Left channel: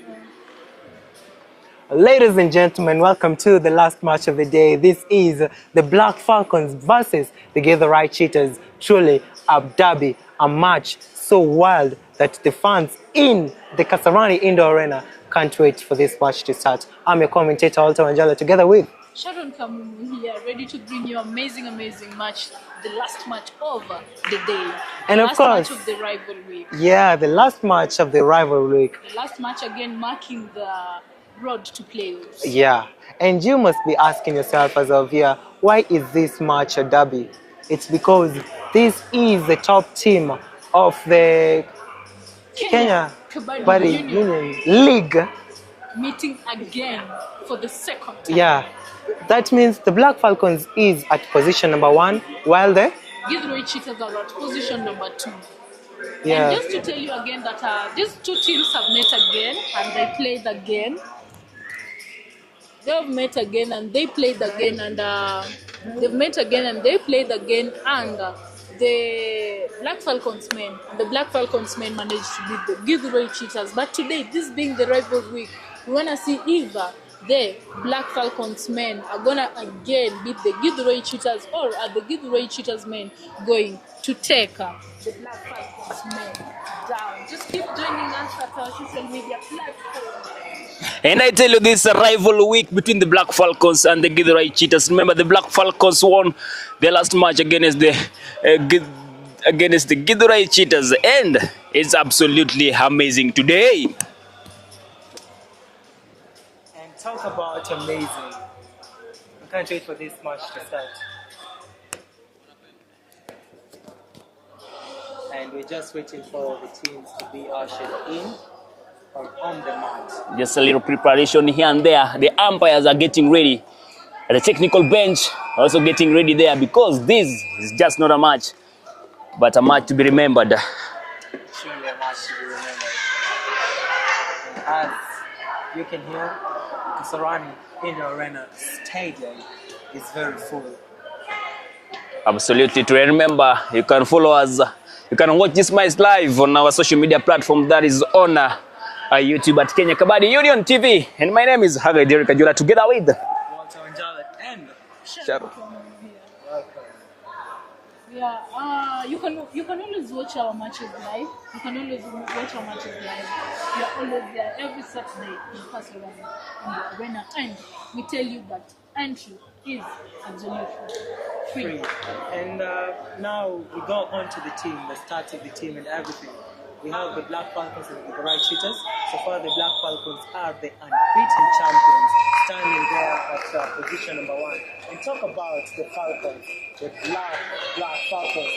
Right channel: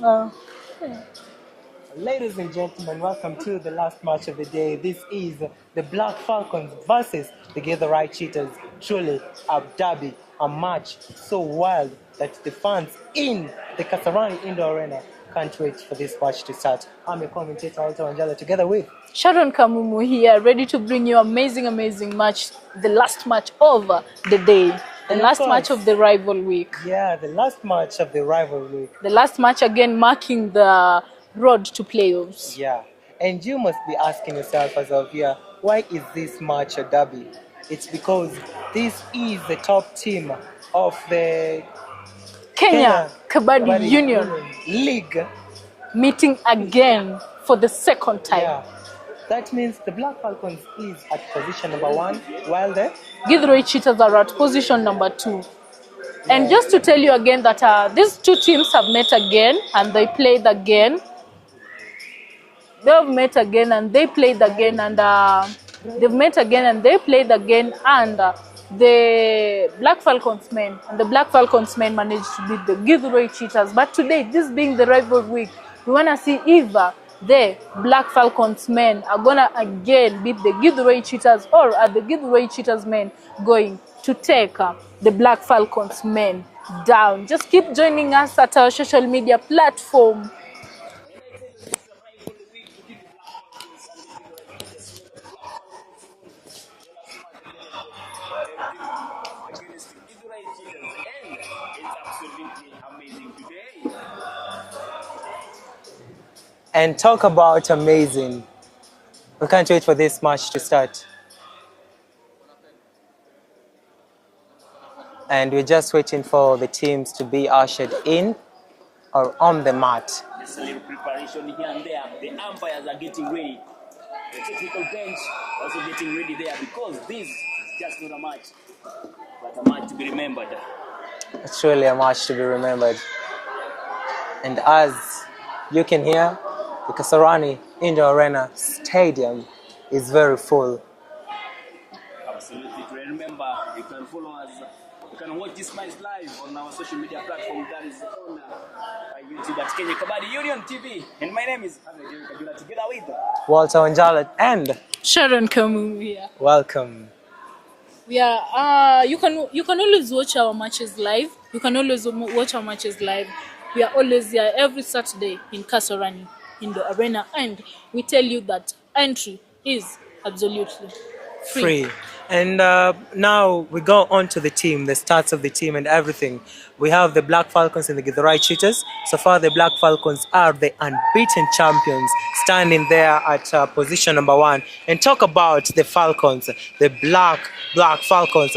No. Ladies and gentlemen, welcome to the last match of the day. This is the Black Falcons versus the Githurai Cheetahs. Truly a derby, a match so wild that the fans in the Kasarani Indoor Arena can't wait for this match to start. I'm your commentator, Walter Wanjala, together with Sharon Kamumu here, ready to bring you amazing match, the last match of the day. And of last course, match of the rival week. Yeah, the last match of the rival week. The last match again marking the road to playoffs. Yeah, and you must be asking yourself as of here, why is this match a derby? It's because this is the top team of the Kenya Kabaddi Union League meeting again for the second time. Yeah, that means the Black Falcons is at position number 1, while the Githurai Cheetahs are at position number 2. Yeah. And just to tell you again that these two teams have met again and they played again. They have met again and they played again, and they've met again and they played again, and the Black Falcons men managed to beat the Githurai Cheetahs. But today, this being the rival week, we want to see if the Black Falcons men are gonna again beat the Githurai Cheetahs, or are the Githurai Cheetahs men going to take the Black Falcons men down. Just keep joining us at our social media platform. And I tell you, this is a rival week between the Black Falcons and the Githurai Cheetahs. Remember, the Black Falcons won their last match against the Githurai Cheetahs, and it's absolutely amazing today. And talk about amazing. We can't wait for this match to start. And we're just waiting for the teams to be ushered in or on the mat. Just a little preparation here and there. The umpires are getting ready. The technical bench also getting ready there, because this is just not a match, but a match to be remembered. It's truly a match to be remembered. And as you can hear, the Kasarani Indoor Arena Stadium is very full. Absolutely. To remember, you can follow us. You can watch this match live on our social media platform, that is on YouTube at Kenya Kabaddi Union TV. And my name is Hagai Derek Ajula, together with Walter Wanjala and Sharon Kamu here. Welcome. Yeah, you can always watch our matches live. You can always watch our matches live. We are always here every Saturday in Kasarani in the arena, and we tell you that entry is absolutely free. And now we go on to the team, the stats of the team and everything. We have the Black Falcons and the Githurai Cheetahs. So far, the Black Falcons are the unbeaten champions, standing there at position number 1. And talk about the Falcons, the Black Falcons,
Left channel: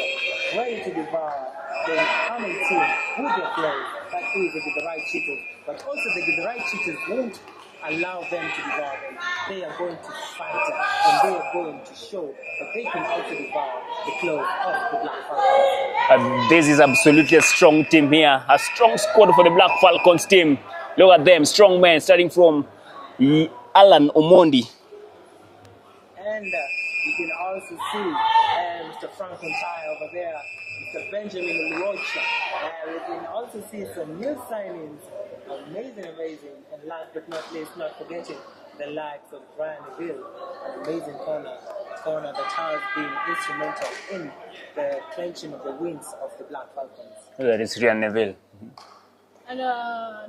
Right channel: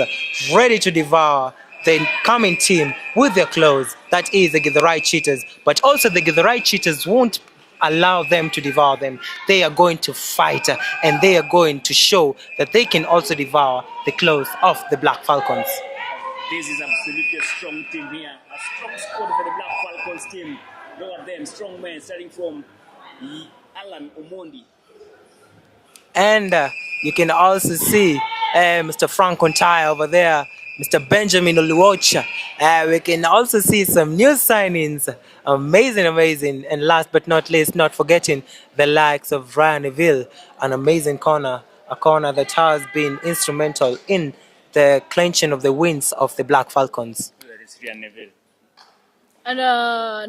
ready to devour the coming team with their claws. That is the Githurai Cheetahs. But also the Githurai Cheetahs won't allow them to devour them. They are going to fight, and they are going to show that they can also devour the claws of the Black Falcons. This is absolutely a strong team here, a strong squad for the Black Falcons team. Look at them, strong men, starting from Alan Omondi. And you can also see Mr. Frank Ontaya over there, Mr. Benjamin Oluocha. We can also see some new signings. Amazing. And last but not least, not forgetting the likes of Ryan Neville, an amazing corner, a corner that has been instrumental in the clinching of the wins of the Black Falcons. That is Ryan Neville. And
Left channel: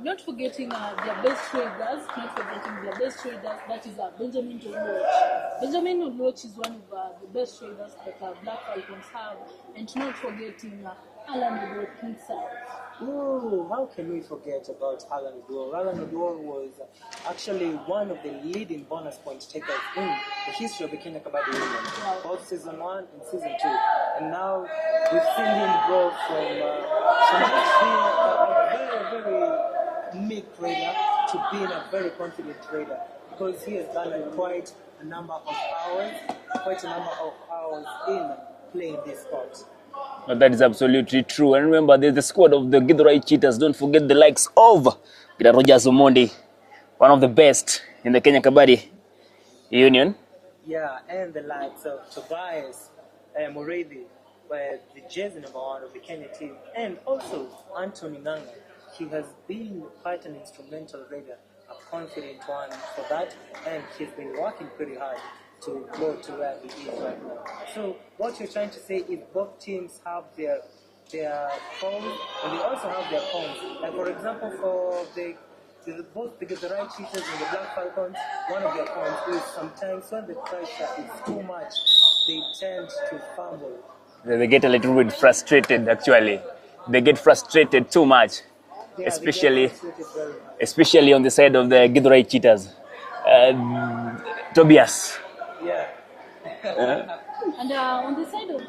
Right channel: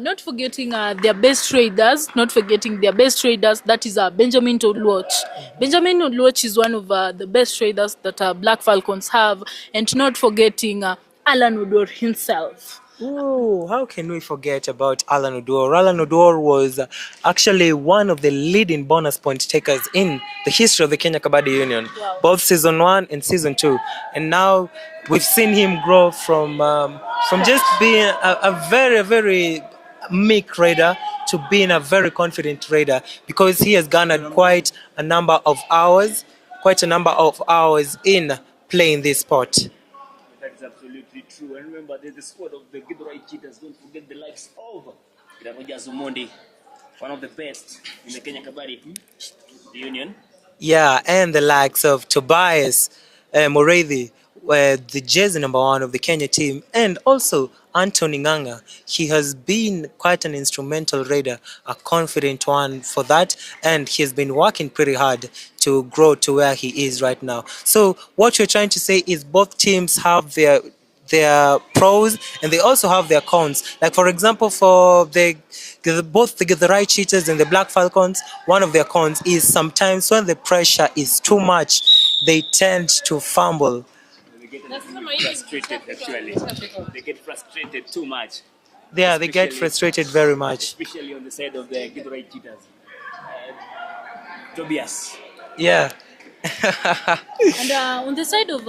not forgetting their best traders, that is Benjamin Oluoch. Benjamin Oluoch is one of the best traders that Black Falcons have, and not forgetting Alan Udor himself. Oh, how can we forget about Alan Udor? Alan Udor was actually one of the leading bonus point takers in the history of the Kenya Kabaddi Union, both season 1 and season 2. And now we've seen him grow from just being a very meek raider to being a very confident raider, because he has garnered quite a number of hours in playing this sport. That is absolutely true. And remember, there's the squad of the Githurai Cheetahs. Don't forget the likes of Rogers Omondi, one of the best in the Kenya Kabaddi Union. Yeah, and the likes of Tobias Morethi, the jersey number 1 of the Kenya team, and also Anthony Nganga, he has been quite an instrumental raider, a confident one for that, and he has been working pretty hard to grow to where he is right now. So what you're trying to say is both teams have their pros and they also have their cons. Like for example, for both the Githurai Cheetahs and the Black Falcons, one of their cons is sometimes when the pressure is too much, they tend to fumble. They get a little bit frustrated, actually. They get frustrated too much. Yeah, they get frustrated very much. Especially on the side of the Githurai Cheetahs. Tobias. Yeah. And on the side of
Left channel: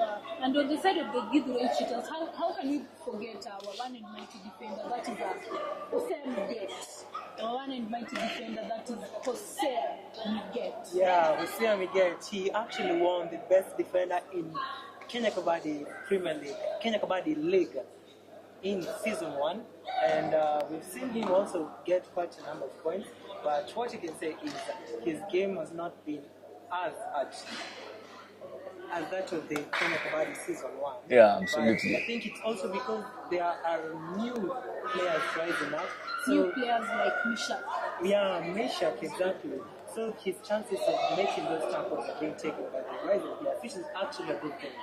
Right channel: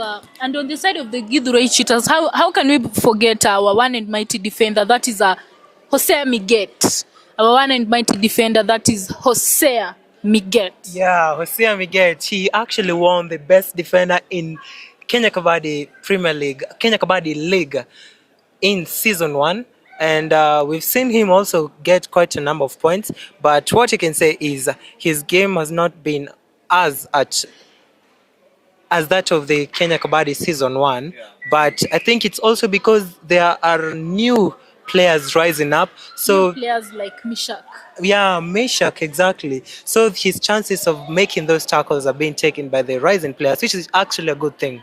the Githurai Cheetahs, how can we forget our one and mighty defender, that is Hosea Miget. Our one and mighty defender, that is Hosea Miget. Yeah, Hosea Miget. He actually won the best defender in Kenya Kabaddi Premier League, Kenya Kabaddi League in season 1. And we've seen him also get quite a number of points. But what you can say is his game has not been as that of the Kenya Kabaddi season 1. Yeah, but I think it's also because there are new players rising up. So new players like Mishak. Yeah, Meshach, exactly. So his chances of making those tackles are being taken by the rising players, which is actually a good thing.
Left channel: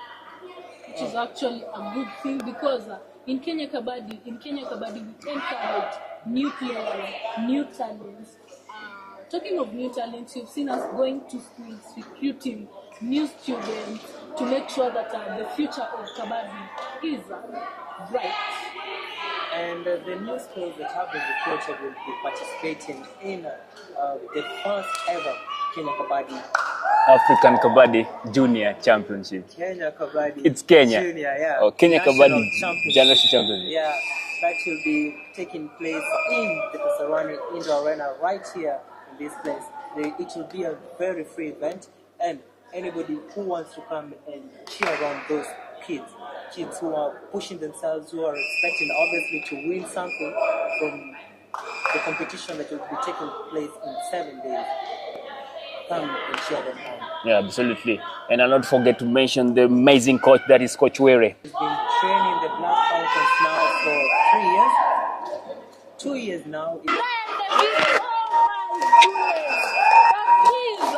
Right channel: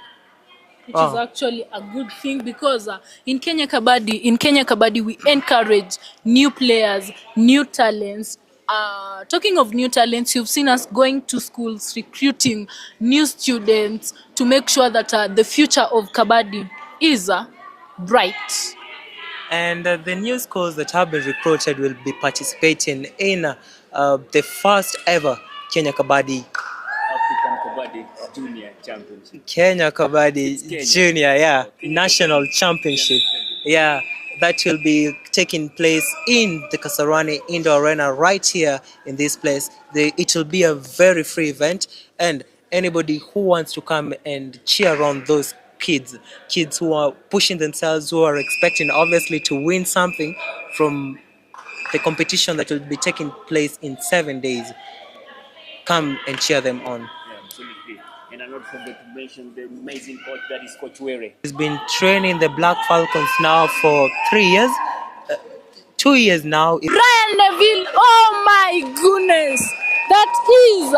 Which is actually a good thing because in Kenya Kabaddi, we encourage new players, new talents. Talking of new talents, you've seen us going to schools, recruiting new students to make sure that the future of Kabaddi is bright. And the new schools that have been recruited will be participating in the first ever Kenya Kabaddi African Kabaddi Junior Championship. Kenya Kabaddi Junior, yeah. Kenya National Kabaddi Championship. Yeah, that will be taking place in the Kasarani Indoor Arena right here in this place. It will be a very free event, and anybody who wants to come and cheer on those kids who are pushing themselves, who are expecting obviously to win something from the competition that will be taking place in 7 days, come and cheer them on. Yeah, absolutely. And I'll not forget to mention the amazing coach that is Coach Were. He's been training the Black Falcons now for 3 years. 2 years now. Ryan Neville, oh my goodness! That is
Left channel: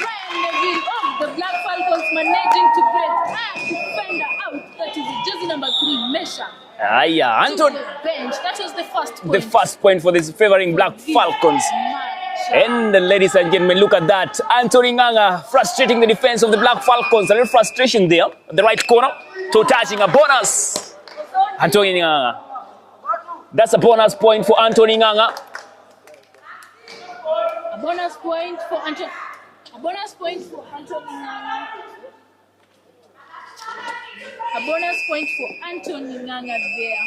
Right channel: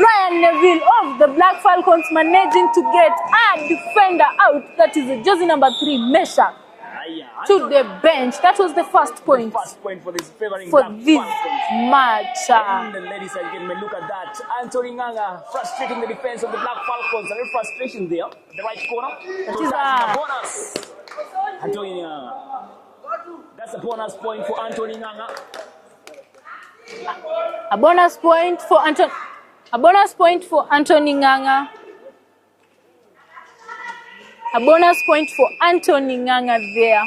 Ryan Neville of the Black Falcons managing to get a defender out. That is jersey number 3, Meshach. Yeah, to the bench. That was the first point. The first point for this favoring Black Falcons. Match. And ladies and gentlemen, look at that. Anthony Nganga frustrating the defense of the Black Falcons. A little frustration there at the right corner. So touching a bonus. Anthony Nganga. That's a bonus point for Anthony Nganga. A bonus point for Anthony Nganga. A bonus point for Anthony Nganga there.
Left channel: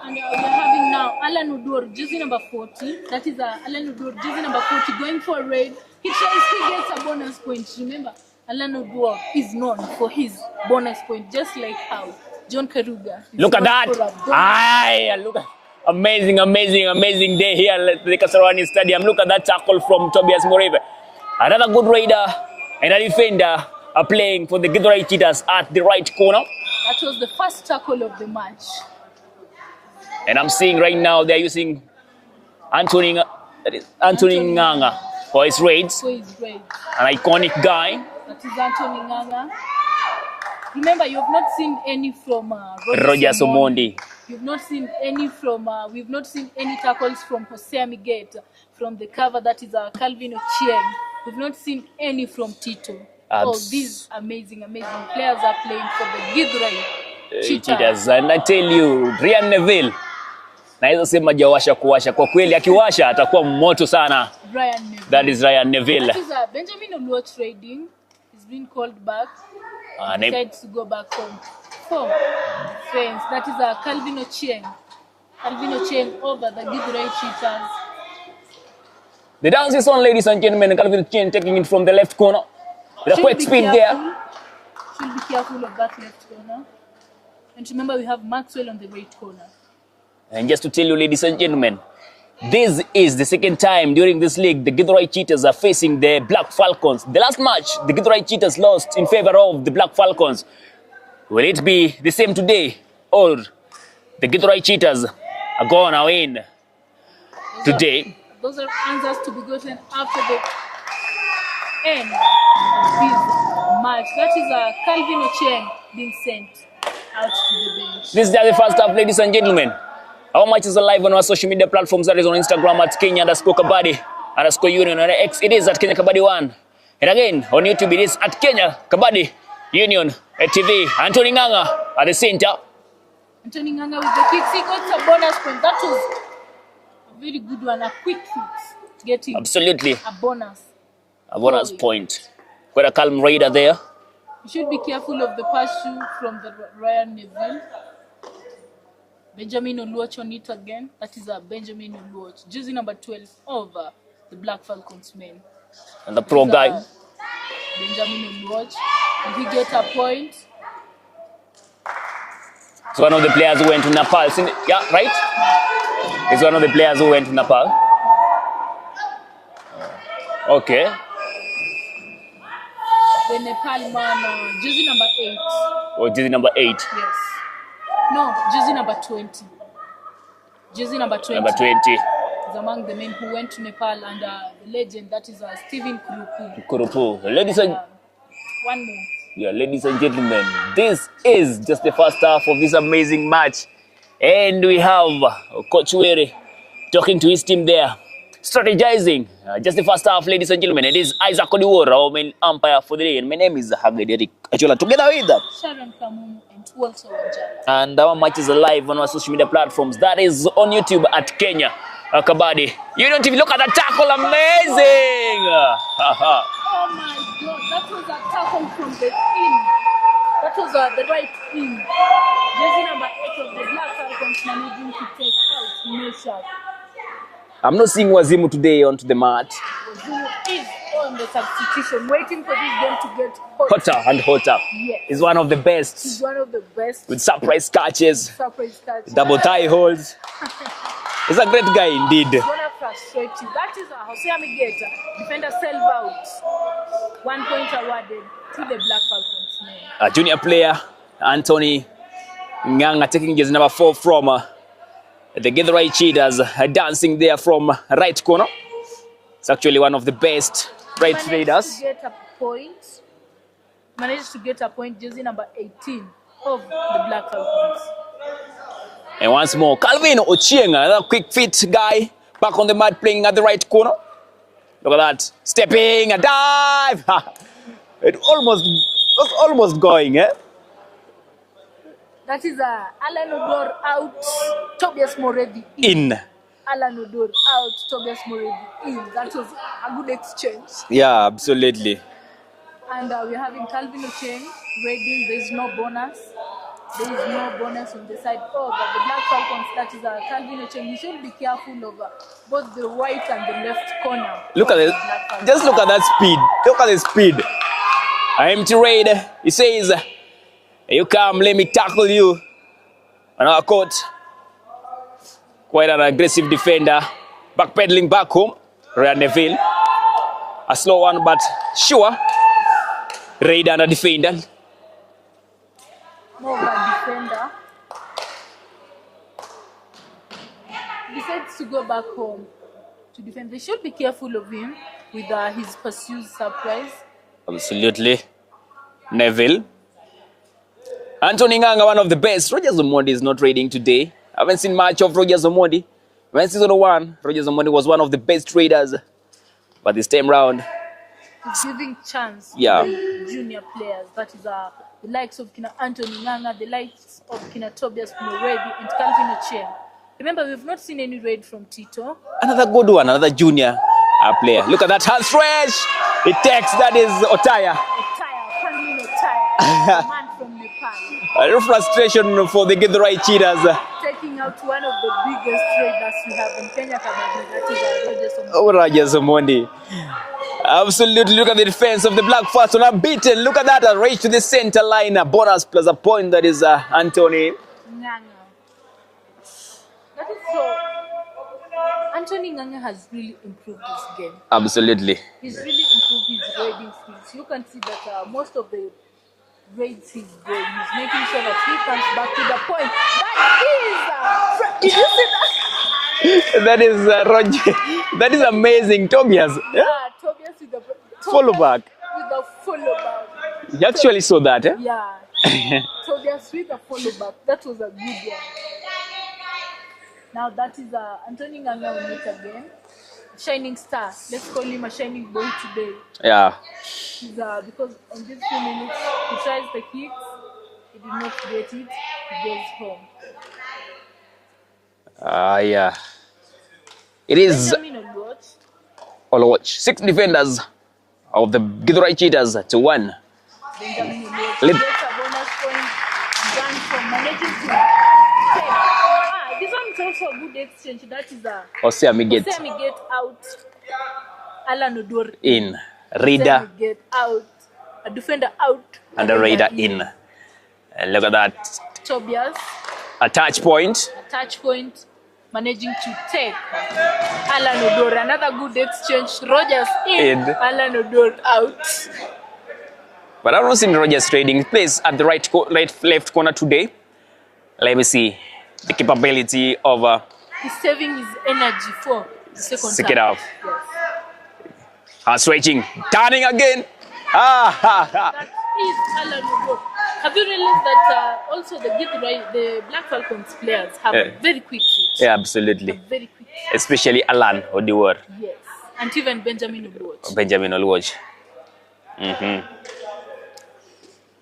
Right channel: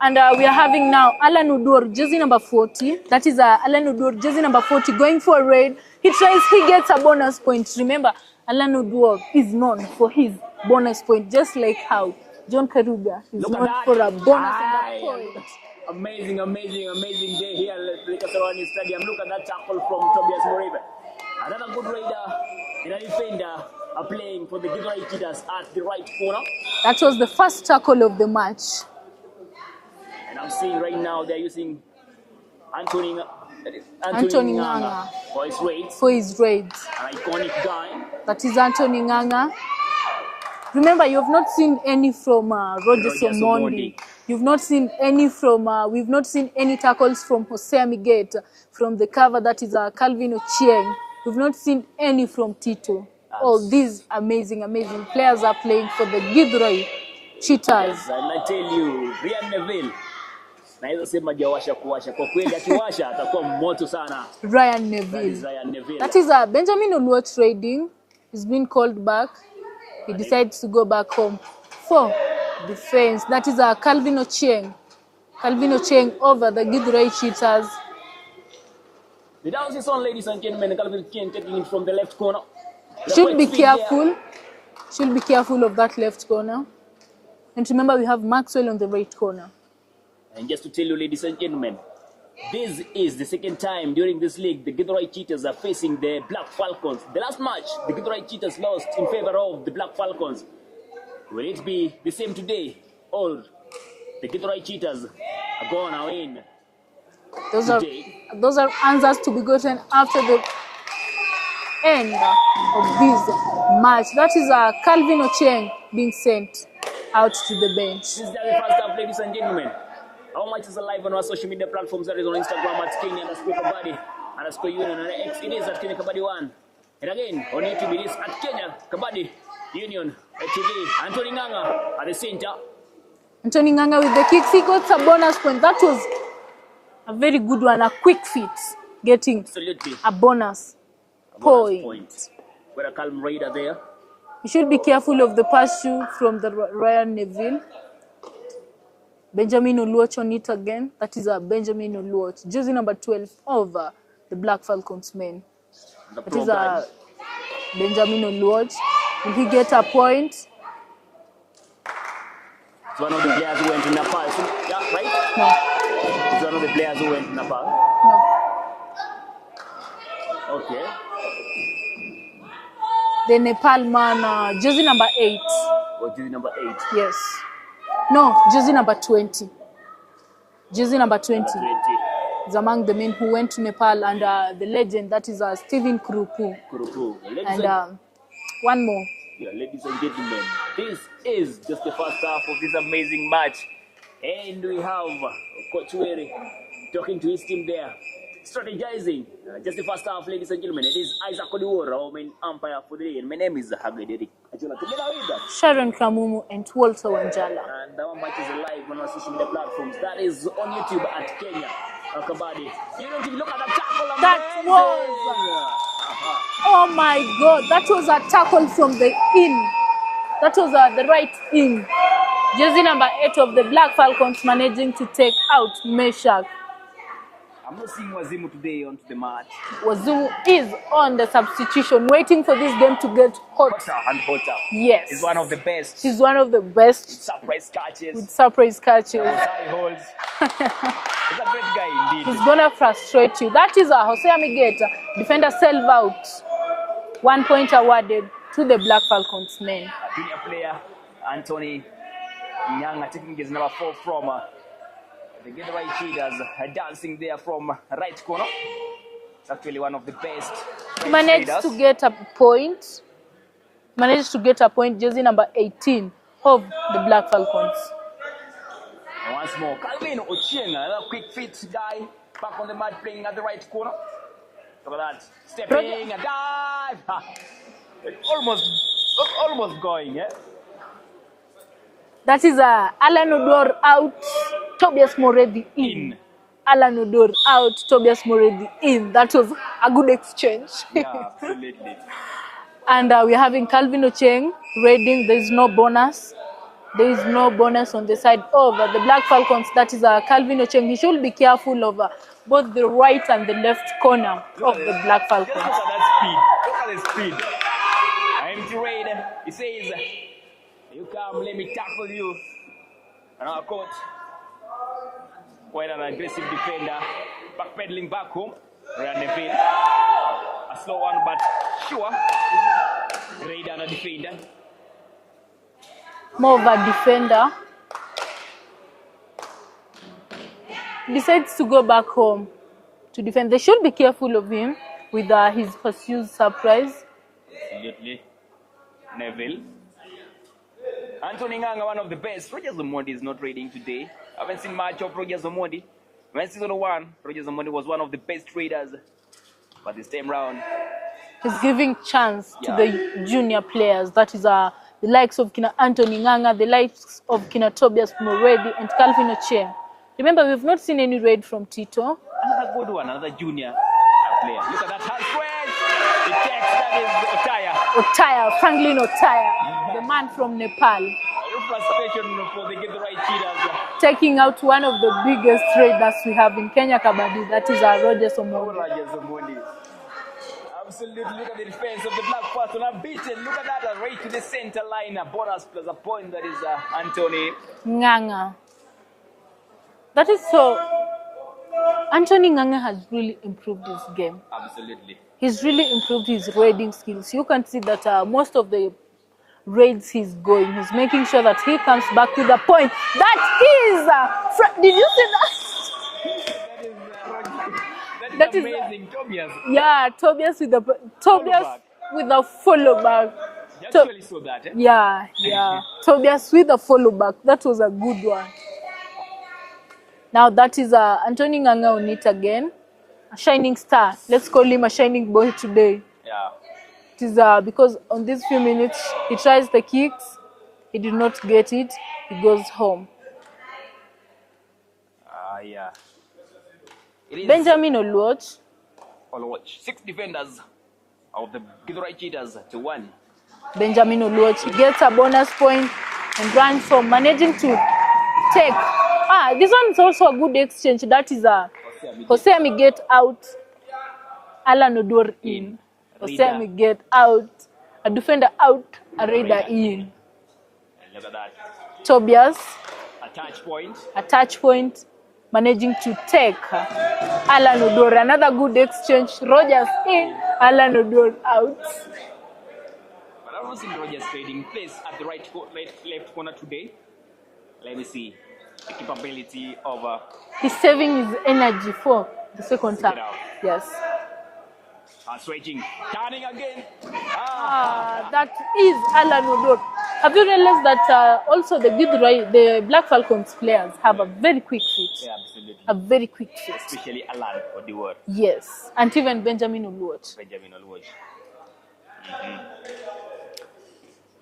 And we are having now Alan Udur, jersey number 40. That is Alan Udur, jersey number 40, going for a raid. He gets a bonus point. Remember, Alan Udur is known for his bonus point, just like how John Karuga is look at that. For a bonus look at amazing day here at the Kasarani Stadium. Look at that tackle from Tobias Moreve. Another good raider and a defender are playing for the Githurai Cheetahs at the right corner. That was the first tackle of the match. And I'm seeing right now they're using Anthony Nganga for his raids. For his raids. An iconic guy. That is Anthony Nganga. Remember, you've not seen any from Roger Somondi. You've not seen any from, we've not seen any tackles from Hosea Miget, from the cover, that is Calvin Ochieng. We've not seen any from Tito. All these amazing players are playing for the Githurai Cheetahs. And I tell you, Ryan Neville, naweza sema jawasha kuwasha. Kwa kweli akiwasha atakuwa moto sana. Ryan Neville. That is Ryan Neville. That is Benjamin Oluo trading. He's been called back. He decides to go back home for defense. That is Calvin Ochieng. Calvin Ochieng over the Githurai Cheetahs. The dance is on, ladies and gentlemen. Calvin Ochieng taking it from the left corner. Should be careful. Should be careful of that left corner. And remember, we have Maxwell on the right corner. And just to tell you, ladies and gentlemen, this is the second time during this league the Githurai Cheetahs are facing the Black Falcons. The last match, the Githurai Cheetahs lost in favor of the Black Falcons. Will it be the same today, or The Githurai Cheetahs are going to win today. Those are answers to be gotten after the end of this match. That is Calvin Ochieng being sent out to the bench. This is the first half, ladies and gentlemen. Our match is live on our social media platforms. That is on Instagram at Kenya_Kabaddi_Union. On X it is at Kenya Kabaddi 1. And again, on YouTube it is at Kenya Kabaddi Union TV. Anthony Nganga at the center. Anthony Nganga with the kick. He got a bonus point. That was a very good one. A quick fit. Getting absolutely a bonus. A bonus point. Got a calm raider there. You should be careful of the pursuit from the Royal Neville. Benjamin Oluoch on it again. That is a Benjamin Oluoch. Jersey number 12 over the Black Falcons men. And the pro guy. Benjamin Oluoch. Will he get a point? It's one of the players who went to Nepal. Yeah, right? No. It's one of the players who went to Nepal. No. Okay. The Nepal man, jersey number 8. Or jersey number 8? Yes. No, jersey number 20. Jersey number 20. Number 20. Is among the men who went to Nepal, and the legend, that is Stephen Kurupu. Kurupu. Ladies and one more. Yeah, ladies and gentlemen, this is just the first half of this amazing match. And we have Coach Were talking to his team there, strategizing. Just the first half, ladies and gentlemen. It is Isaac Odiwara, our main umpire for the day. And my name is Hagederic Achola. Together with that, Sharon Kamumu and Walter Wanjala. And our match is live on our social media platforms. That is on YouTube at Kenya Kabaddi Union TV. Look at the tackle, amazing! Oh my God, that was a tackle from the in. That was the right in. Jersey number 8 of the Black Falcons managing to take out Meshach. I'm not seeing Wazimu today onto the mat. Wazimu is on the substitution, waiting for this game to get hotter and hotter. Yes. He's one of the best. He's one of the best. With surprise catches. With surprise catches. Double tie holds. He's a great guy indeed. He's gonna frustrate you. That is Jose Amigeta, defender self out. 1 point awarded to the Black Falcons men. A junior player, Anthony Nganga, taking jersey number 4 from the Githurai Cheetahs, dancing there from right corner. It's actually one of the best right leaders. Managed to get a point. Managed to get a point, jersey number 18 of the Black Falcons. And once more, Calvin Ochieng, another quick fit guy, back on the mat playing at the right corner. Look at that, stepping, a dive. It was almost going, eh? That is Alan Odor out, Tobias Moredi in. Alan Odor out, Tobias Moredi in. That was a good exchange. Yeah, absolutely. And we're having Calvin Ochieng raiding. There is no bonus. There is no bonus on the side of the Black Falcons. That is Calvin Ochieng. He should be careful of both the right and the left corner. Look at the Black Falcons. Just look at that speed. Look at the speed. Empty raid. He says, "You come, let me tackle you." And our coach, quite an aggressive defender, backpedaling back home. Royal Neville, a slow one, but sure. Raid and a defender. More of a defender. Decides to go back home to defend. They should be careful of him with his pursued surprise. Absolutely. Neville. Anthony Nganga, one of the best. Rogers Omondi is not raiding today. I haven't seen much of Rogers Omondi. When season 1, Rogers Omondi was one of the best raiders. But this time round, he's giving chance to the junior players. That is the likes of Kina Anthony Nganga, the likes of Kina Tobias Moredi and Calvin Ochieng. Remember, we've not seen any raid from Tito. Another good one, another junior player. Look at that hand stretch. It takes, that is Otaya. Otaya, Franklin Otaya, the man from Nepal. A little frustration for the Githurai Cheetahs. Taking out one of the biggest raiders we have in Kenya Kabaddi, that is Rogers Omondi. Oh, Rogers Omondi. Absolutely, look at the defense of the Black Falcons. Unbeaten. Look at that, a race to the center line. A bonus plus a point, that is Anthony Nganga. That is so. Anthony Nganga has really improved his game. Absolutely. He's really improved his raiding skills. You can see that most of the raids his goal. He's making sure that he comes back to the point. That is, did you see that? That is Roger. That is amazing, Tobias. Yeah, Tobias with the Follow back. With the follow back. You actually saw that, eh? Yeah. Tobias with the follow back. That was a good one. Now that is Anthony Nganga on it again. A shining star. Let's call him a shining boy today. Yeah. It is because on these few minutes he tries the kicks, he did not get it, he goes home. Yeah. It is Benjamin Oluoch. Oluoch. 6 defenders of the Githurai Cheetahs to 1. Benjamin Oluoch gets a bonus point and runs from managing to take. This one is also a good exchange. That is Jose Miget out, Alan Odor in. Raider get out, a defender out, and a Raider in. And look at that. Tobias. A touch point. Managing to take Alan Odor. Another good exchange. Rogers in. Alan Odor out. But I don't see Rogers trading. He plays at the left corner today. Let me see the capability of. He's saving his energy for the second half. Yes. Switching, turning again. That is Alan Odor. Have you realized that also the Black Falcons players have a very quick feet? Yeah, absolutely. A very quick feet. Especially Alan Odor. Yes, and even Benjamin Oluoch.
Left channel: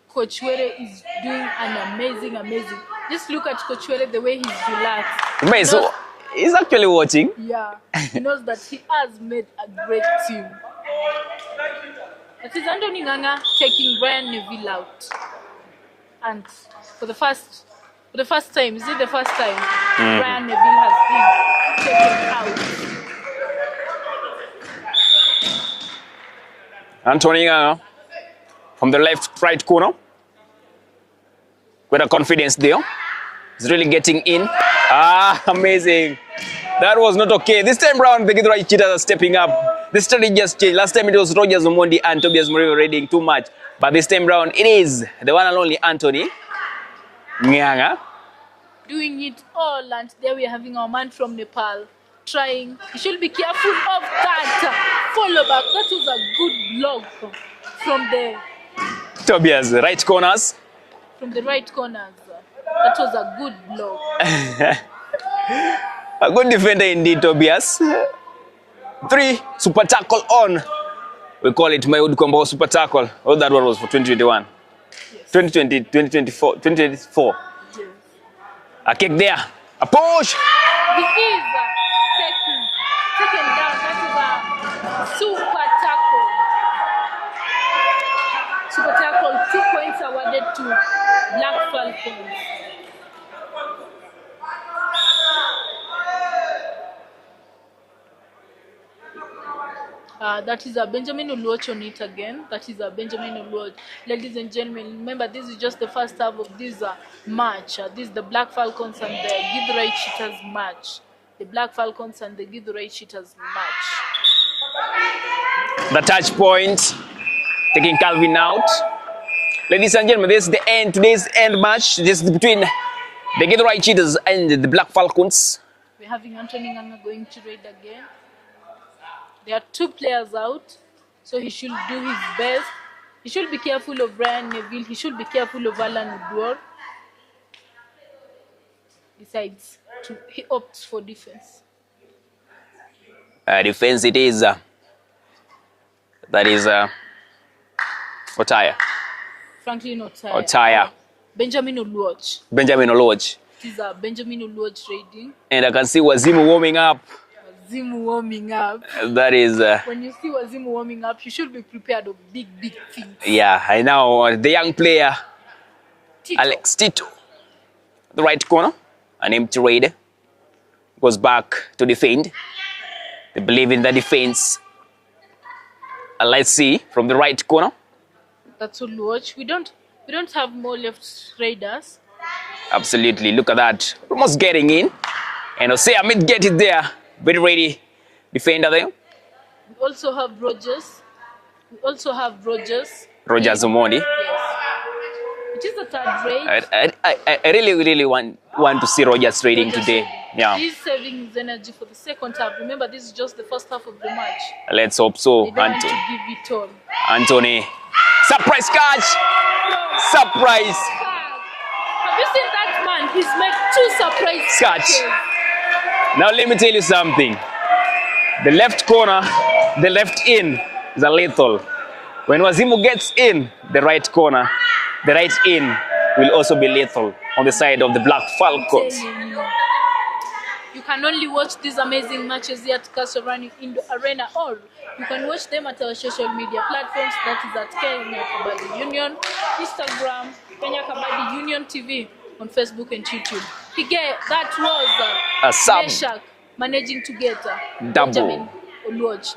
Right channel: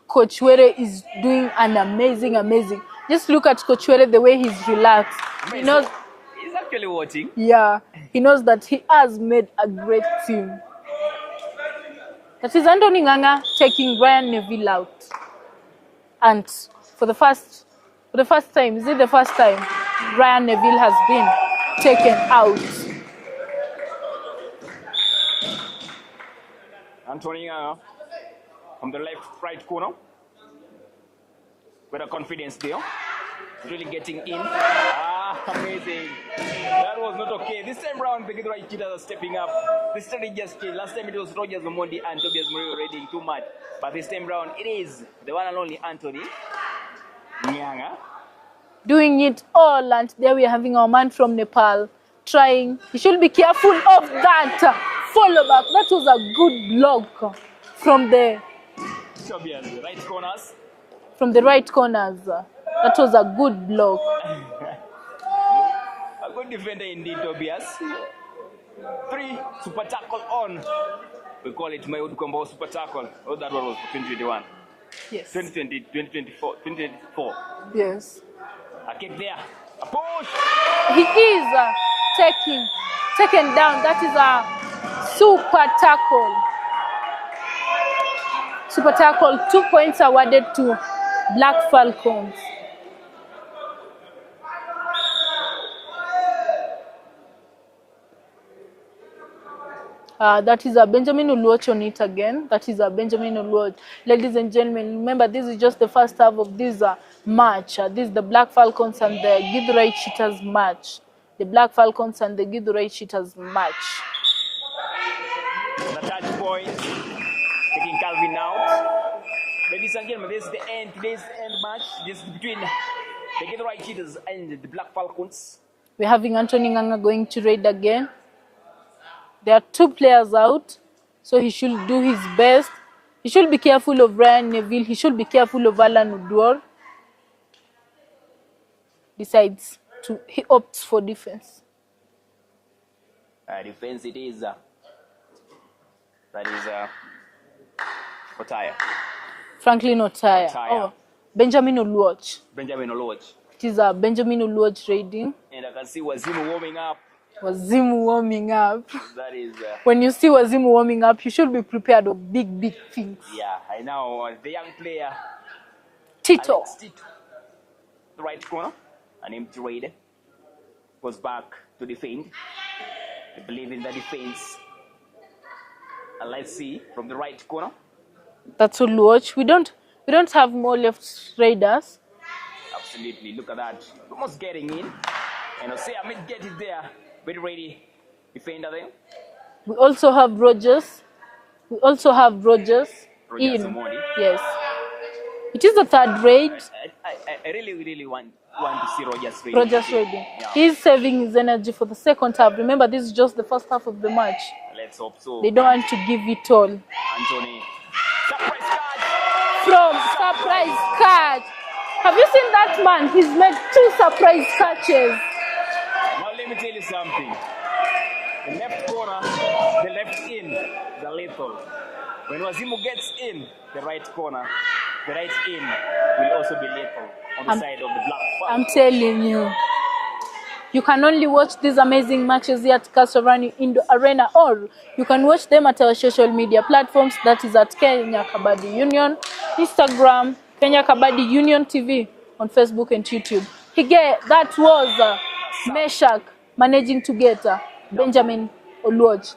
Coach Were is doing an amazing. Just look at Coach Were, the way he's relaxed. So he's actually watching. Yeah, he knows that he has made a great team. That is Anthony Nganga taking Brian Neville out. And for the first time, is it the first time? Brian Neville has been taken out. Anthony Nganga from the right corner. With a confidence there. He's really getting in. Amazing. That was not okay. This time round, the Githurai Cheetahs are stepping up. The strategy just changed. Last time it was Rogers Omondi and Tobias Muribe raiding too much. But this time round, it is the one and only Anthony Nganga. Doing it all, and there we are having our man from Nepal trying. You should be careful of that follow back. That was a good block from the Tobias, right corners. From the right corners. That was a good block. A good defender indeed, Tobias. 3 super tackle on. We call it Mayud Combo super tackle. Oh, that one was for 2021. Yes. 2020, 2024. Yes. A kick there. A push. He is taken down. That is a super tackle. Super tackle. 2 points awarded to Black Falcons. That is a Benjamin Oluoch on it again. That is a Benjamin Oluoch. Ladies and gentlemen, remember this is just the first half of this match. This is the Black Falcons and the Githurai Cheetahs match. The Black Falcons and the Githurai Cheetahs match. The touch point, taking Calvin out. Ladies and gentlemen, this is the end. Today's end match. This is between the Githurai Cheetahs and the Black Falcons. We're having Anthony Nganga going to raid again. There are 2 players out, so he should do his best. He should be careful of Brian Neville. He should be careful of Alan Odor. Besides, he opts for defense. Defense it is. That is Otaya. Franklin Otaya. Otaya. Benjamin Oluoch. Benjamin Oluoch. It is a Benjamin Oluoch raiding. And I can see Wazimu warming up. Wazimu warming up. That is... when you see Wazimu warming up, you should be prepared of big things. Yeah, I know. The young player, Tito. Alex Tito. The right corner, an empty raid. Goes back to defend. They believe in the defense. And let's see, from the right corner. That's Oluoch. We don't have more left raiders. Absolutely, look at that. Almost getting in. And Jose Amit get it there. Very ready defender there. We also have Rogers. Rogers Omondi. Yes. It is the third raid. I really want to see Rogers raiding today. Trading. Yeah. He's saving his energy for the second half. Remember, this is just the first half of the match. Let's hope so. They don't want to give it all. Anthony. Surprise catch! From Surprise catch. Have you seen that man? He's made 2 surprise catches. Now let me tell you something. The left corner, the left in is a lethal. When Wazimu gets in the right corner, the right in will also be lethal on the side of the Black Falcons. I'm telling you. You can only watch these amazing matches here at Kasarani Indo Arena, or you can watch them at our social media platforms. That is at Kenya Kabaddi Union, Instagram, Kenya Kabaddi Union TV, on Facebook and YouTube. That was Meshach managing to get Benjamin Oluoj.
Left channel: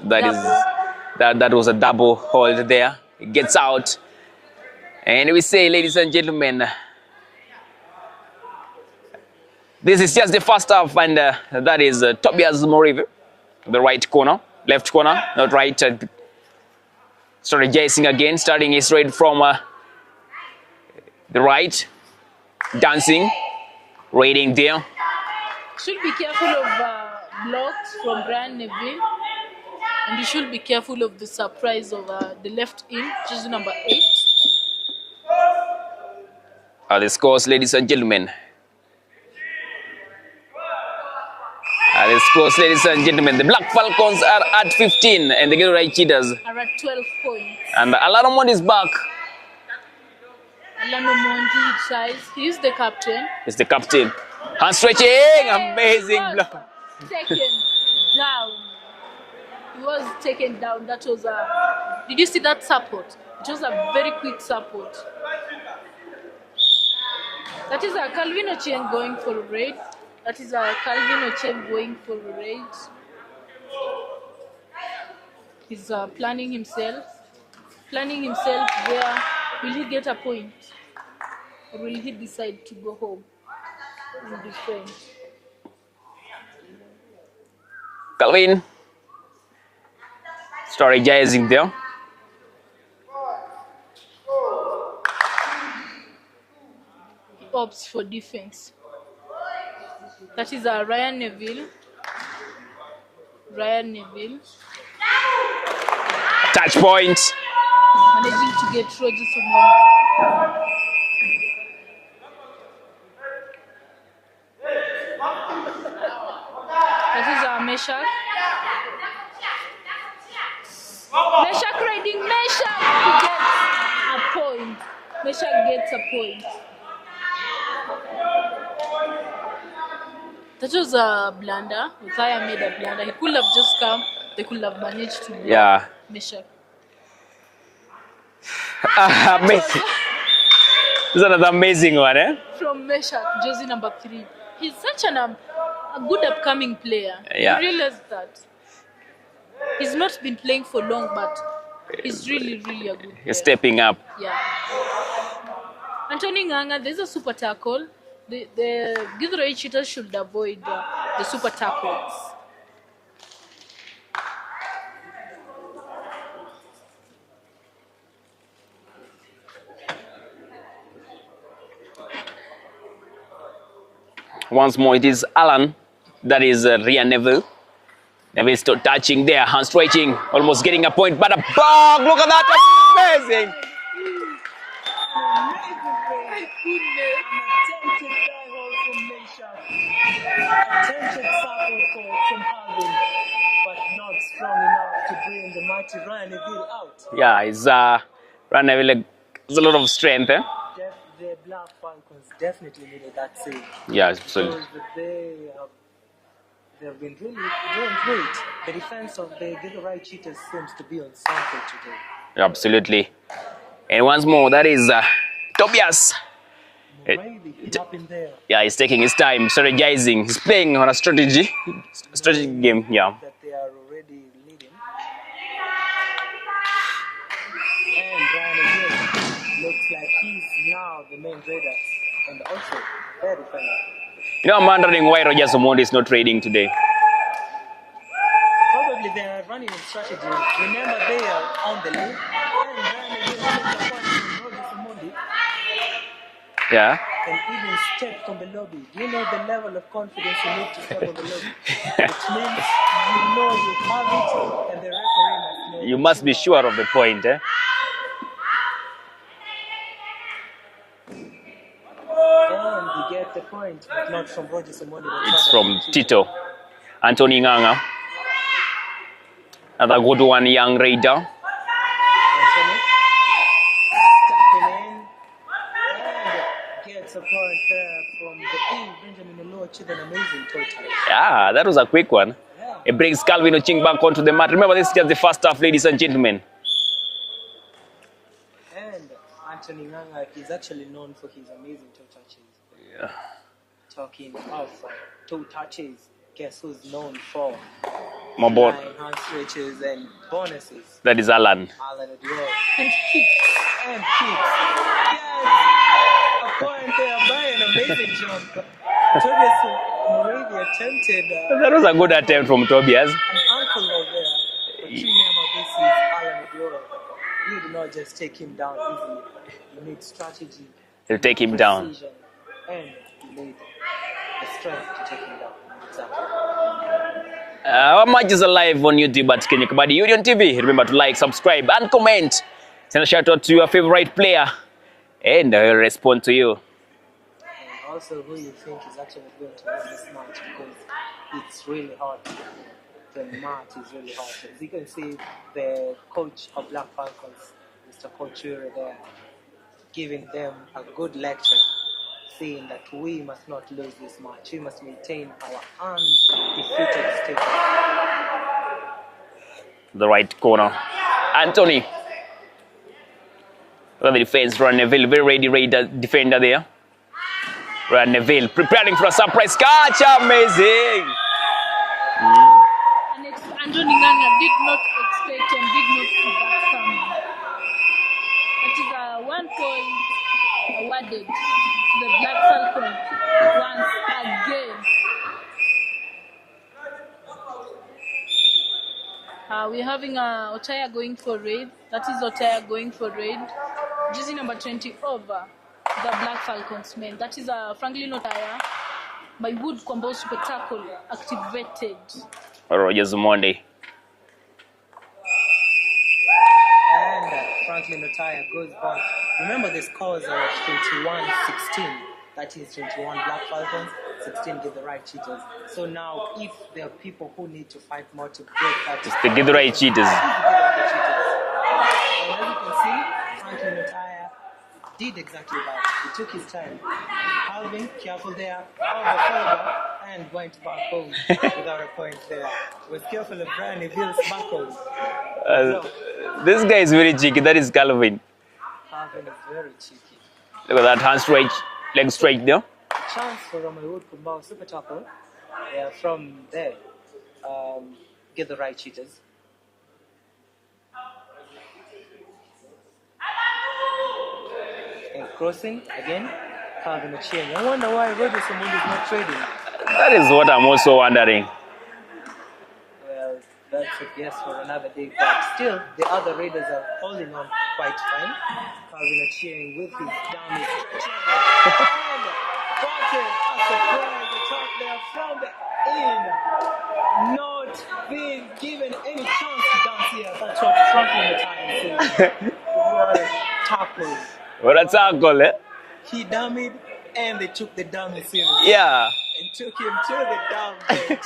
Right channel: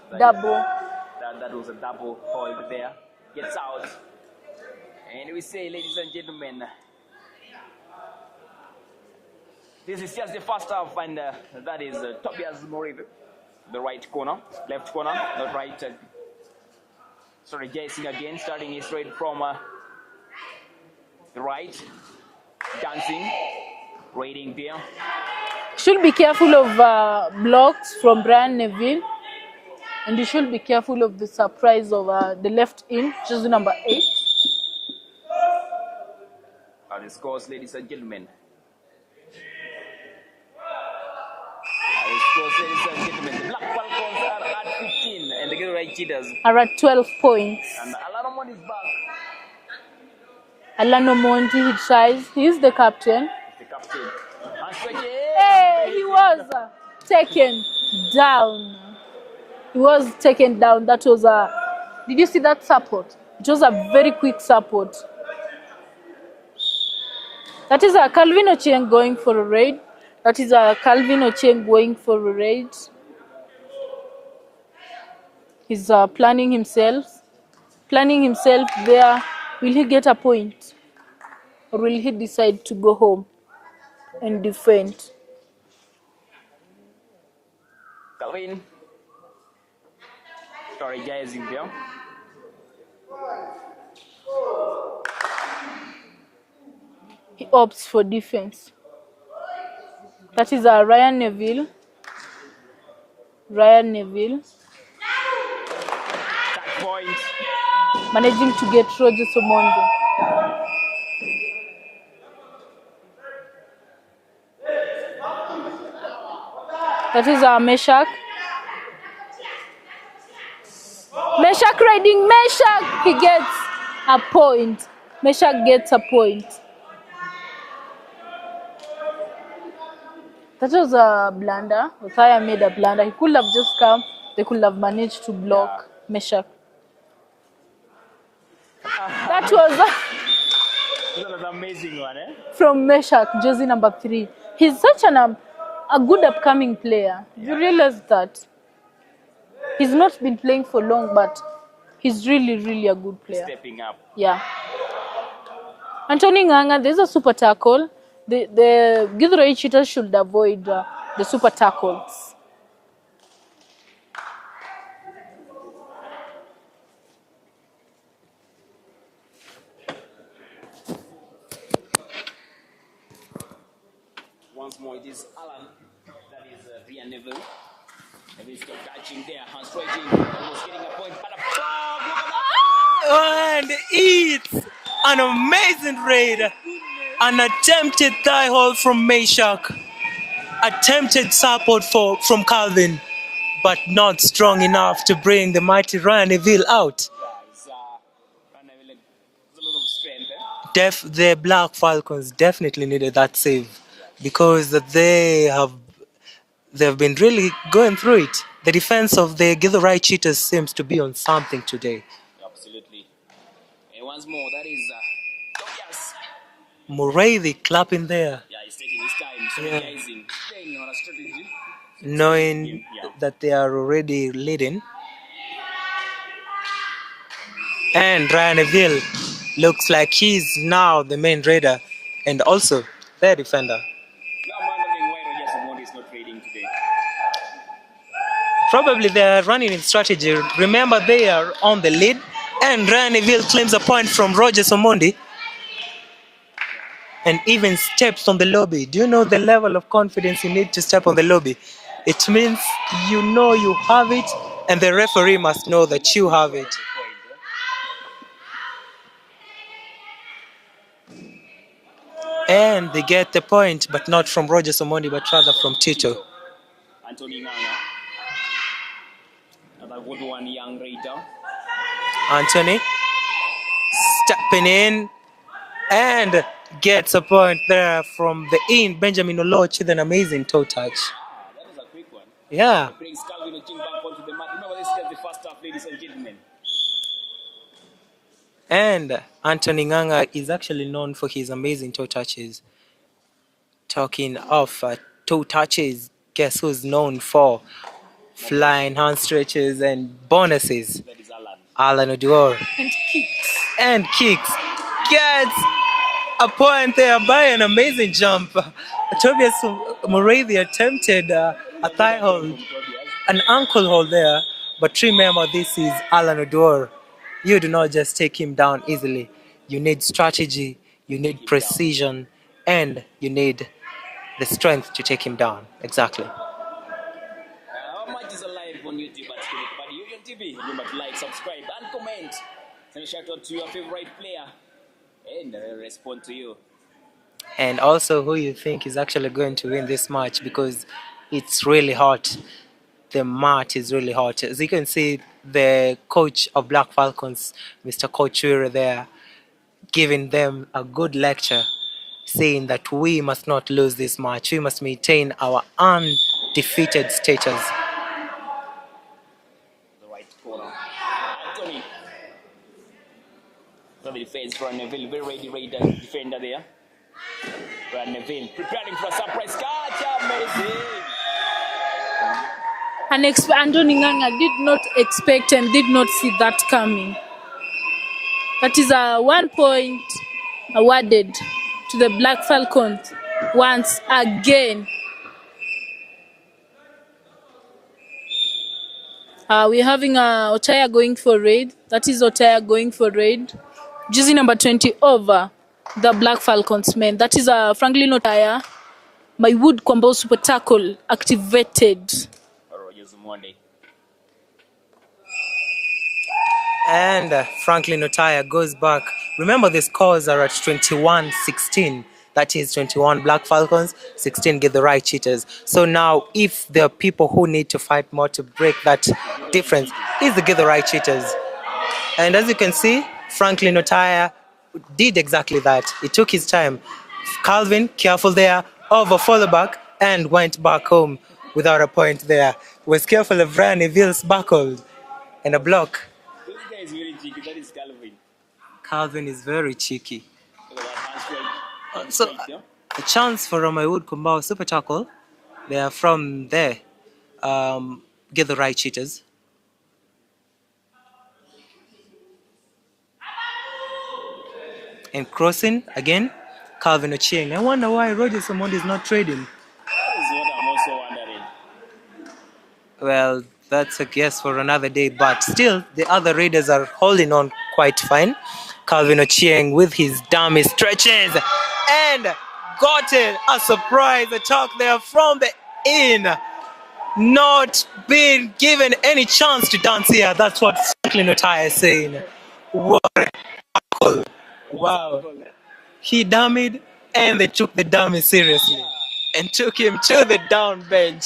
That was a double hold there. It gets out. And we say, ladies and gentlemen, this is just the first half, and that is Tobias Morive, the right corner, left corner, not right. Strategizing again, starting his raid from the right, dancing, raiding there. Should be careful of blocks from Brian Neville, and you should be careful of the surprise of the left in, jersey number 8. The scores, ladies and gentlemen. The scores, ladies and gentlemen. The Black Falcons are at 15, and the Githurai Cheetahs are at 12 points. And Alano Mondi is back. Alano Mondi, he tries. He is the captain. He's the captain. Hand stretching, amazing. He was taken down. He was taken down. That was did you see that support? It was a very quick support. That is Calvin Ochieng going for a raid. That is Calvin Ochieng going for a raid. He's planning himself there. Will he get a point? Or will he decide to go home and defend? Calvin strategizing there. He opts for defense. That is Ryan Neville. Touch point. Managing to get Rogers Omondi. That is Meshach. Meshach riding Meshach. He gets a point. Meshach gets a point. That was a blunder. Othaya made a blunder. He could have just come. They could have managed to block Meshach. This is another amazing one, eh? From Meshach, jersey number 3. He's such a good upcoming player. Yeah. You realize that? He's not been playing for long, but he's really, really a good player. He's stepping up. Yeah. Anthony Nganga, there's a super tackle. The Githurai Cheetahs should avoid the super tackles. Once more, it is Alan. That is Ryan Neville. Neville still touching there, hand stretching, almost getting a point, but a bong! Look at that! Amazing! And it's an amazing raid. An attempted thigh hold from Meshach. Attempted support from Calvin, but not strong enough to bring the mighty Ryan Neville out. Yeah, it's Ryan Neville has a lot of strength. Eh? The Black Falcons definitely needed that save. Yeah, because they've been really going through it. The defense of the Githurai Cheetahs seems to be on something today. Absolutely. And once more, that is Tobias Morive clapping there. Yeah, he's taking his time, strategizing. He's playing on a strategy game. Yeah, that they are already leading. And Ryan Neville looks like he's now the main raider and also their defender. You know, I'm wondering why Rogers Omondi is not raiding today. Probably they are running in strategy. Remember, they are on the lead, and Ryan Neville claims a point from Rogers Omondi. Yeah. and even steps on the lobby. Do you know the level of confidence you need to step on the lobby? It means you know you have it, and the referee must know You that must you be have sure it. of the point, eh? And they get the point, but not from Roger Somondi, but It's rather from Tito. Anthony Nganga. Another good one, young Raider. Anthony stepping in and gets a point there from the in. Benjamin Oloch with an amazing toe touch. Yeah, that was a quick one. Yeah. It brings Calvin Oching back onto the mat. Remember, this is just the first half, ladies and gentlemen. And Anthony Nganga is actually known for his amazing toe touches. Yeah. Talking of toe touches, guess who's known for My boy. flying hand stretches and bonuses? That is Alan. Alan Oduor. And kicks. And kicks. Gets a point there by an amazing jump. Tobias Morathi attempted That was a good thigh attempt hold, from Tobias. an ankle hold there. But remember, this is Alan Oduor. You do not just take him down easily. You need strategy, you To take need him down. precision, and you need the strength to take him down. Exactly. Our match is live on YouTube at Kenya Kabadi Union TV. Remember to like, subscribe, and comment. Send a shout out to your favorite player, and I will respond to you. And also who you think is actually going to win this match, because it's really hot. The match is really hot. As you can see, the coach of Black Falcons, Mr. Coach Wira there, giving them a good lecture, saying that we must not lose this match. We must maintain our undefeated status. The right corner. Anthony. Look at the defense. Ron Neville, very ready Raider defender there. Ron Neville preparing for a surprise catch. Amazing. And Anthony Nganga did not expect and did not see that coming. That is a 1 point awarded to the Black Falcons once again. We're having Otaya going for raid. That is Otaya going for raid. Jersey number 20 over the Black Falcons men. That is Franklin Otaya. My wood combo super tackle activated. Rogers Monday. And Franklin Otaya goes back. Remember, the scores are at 21-16. That is 21 Black Falcons, 16 Githurai Cheetahs. So now, if there are people who need to fight more to break that Githurai difference, Cheetahs. it's the Githurai Cheetahs. And as you can see, Franklin Otaya did exactly that. He took his time. Calvin, careful there, over follow back, and went back home without a point there. Was careful of Brian Neville's buckled in a block. This guy is very cheeky. That is Calvin. Calvin is very cheeky. Look at that hand straight, leg straight there. A chance for Wood Kumbao super tackle. They are from there. Githurai Cheetahs. And crossing again, Calvin Ochieng. I wonder why Roger Somondi is not trading. That is what I'm also wondering. Well, that's a guess for another day, but still, the other Raiders are holding on quite fine. Calvin Ochieng with his dummy stretches and got it. A surprise attack there from the in. Not being given any chance to dance here. That's what Franklin Otaya is saying. What a tackle. What a Wow. tackle, eh? He dummied and they took the dummy seriously. Yeah. And took him to the down bench.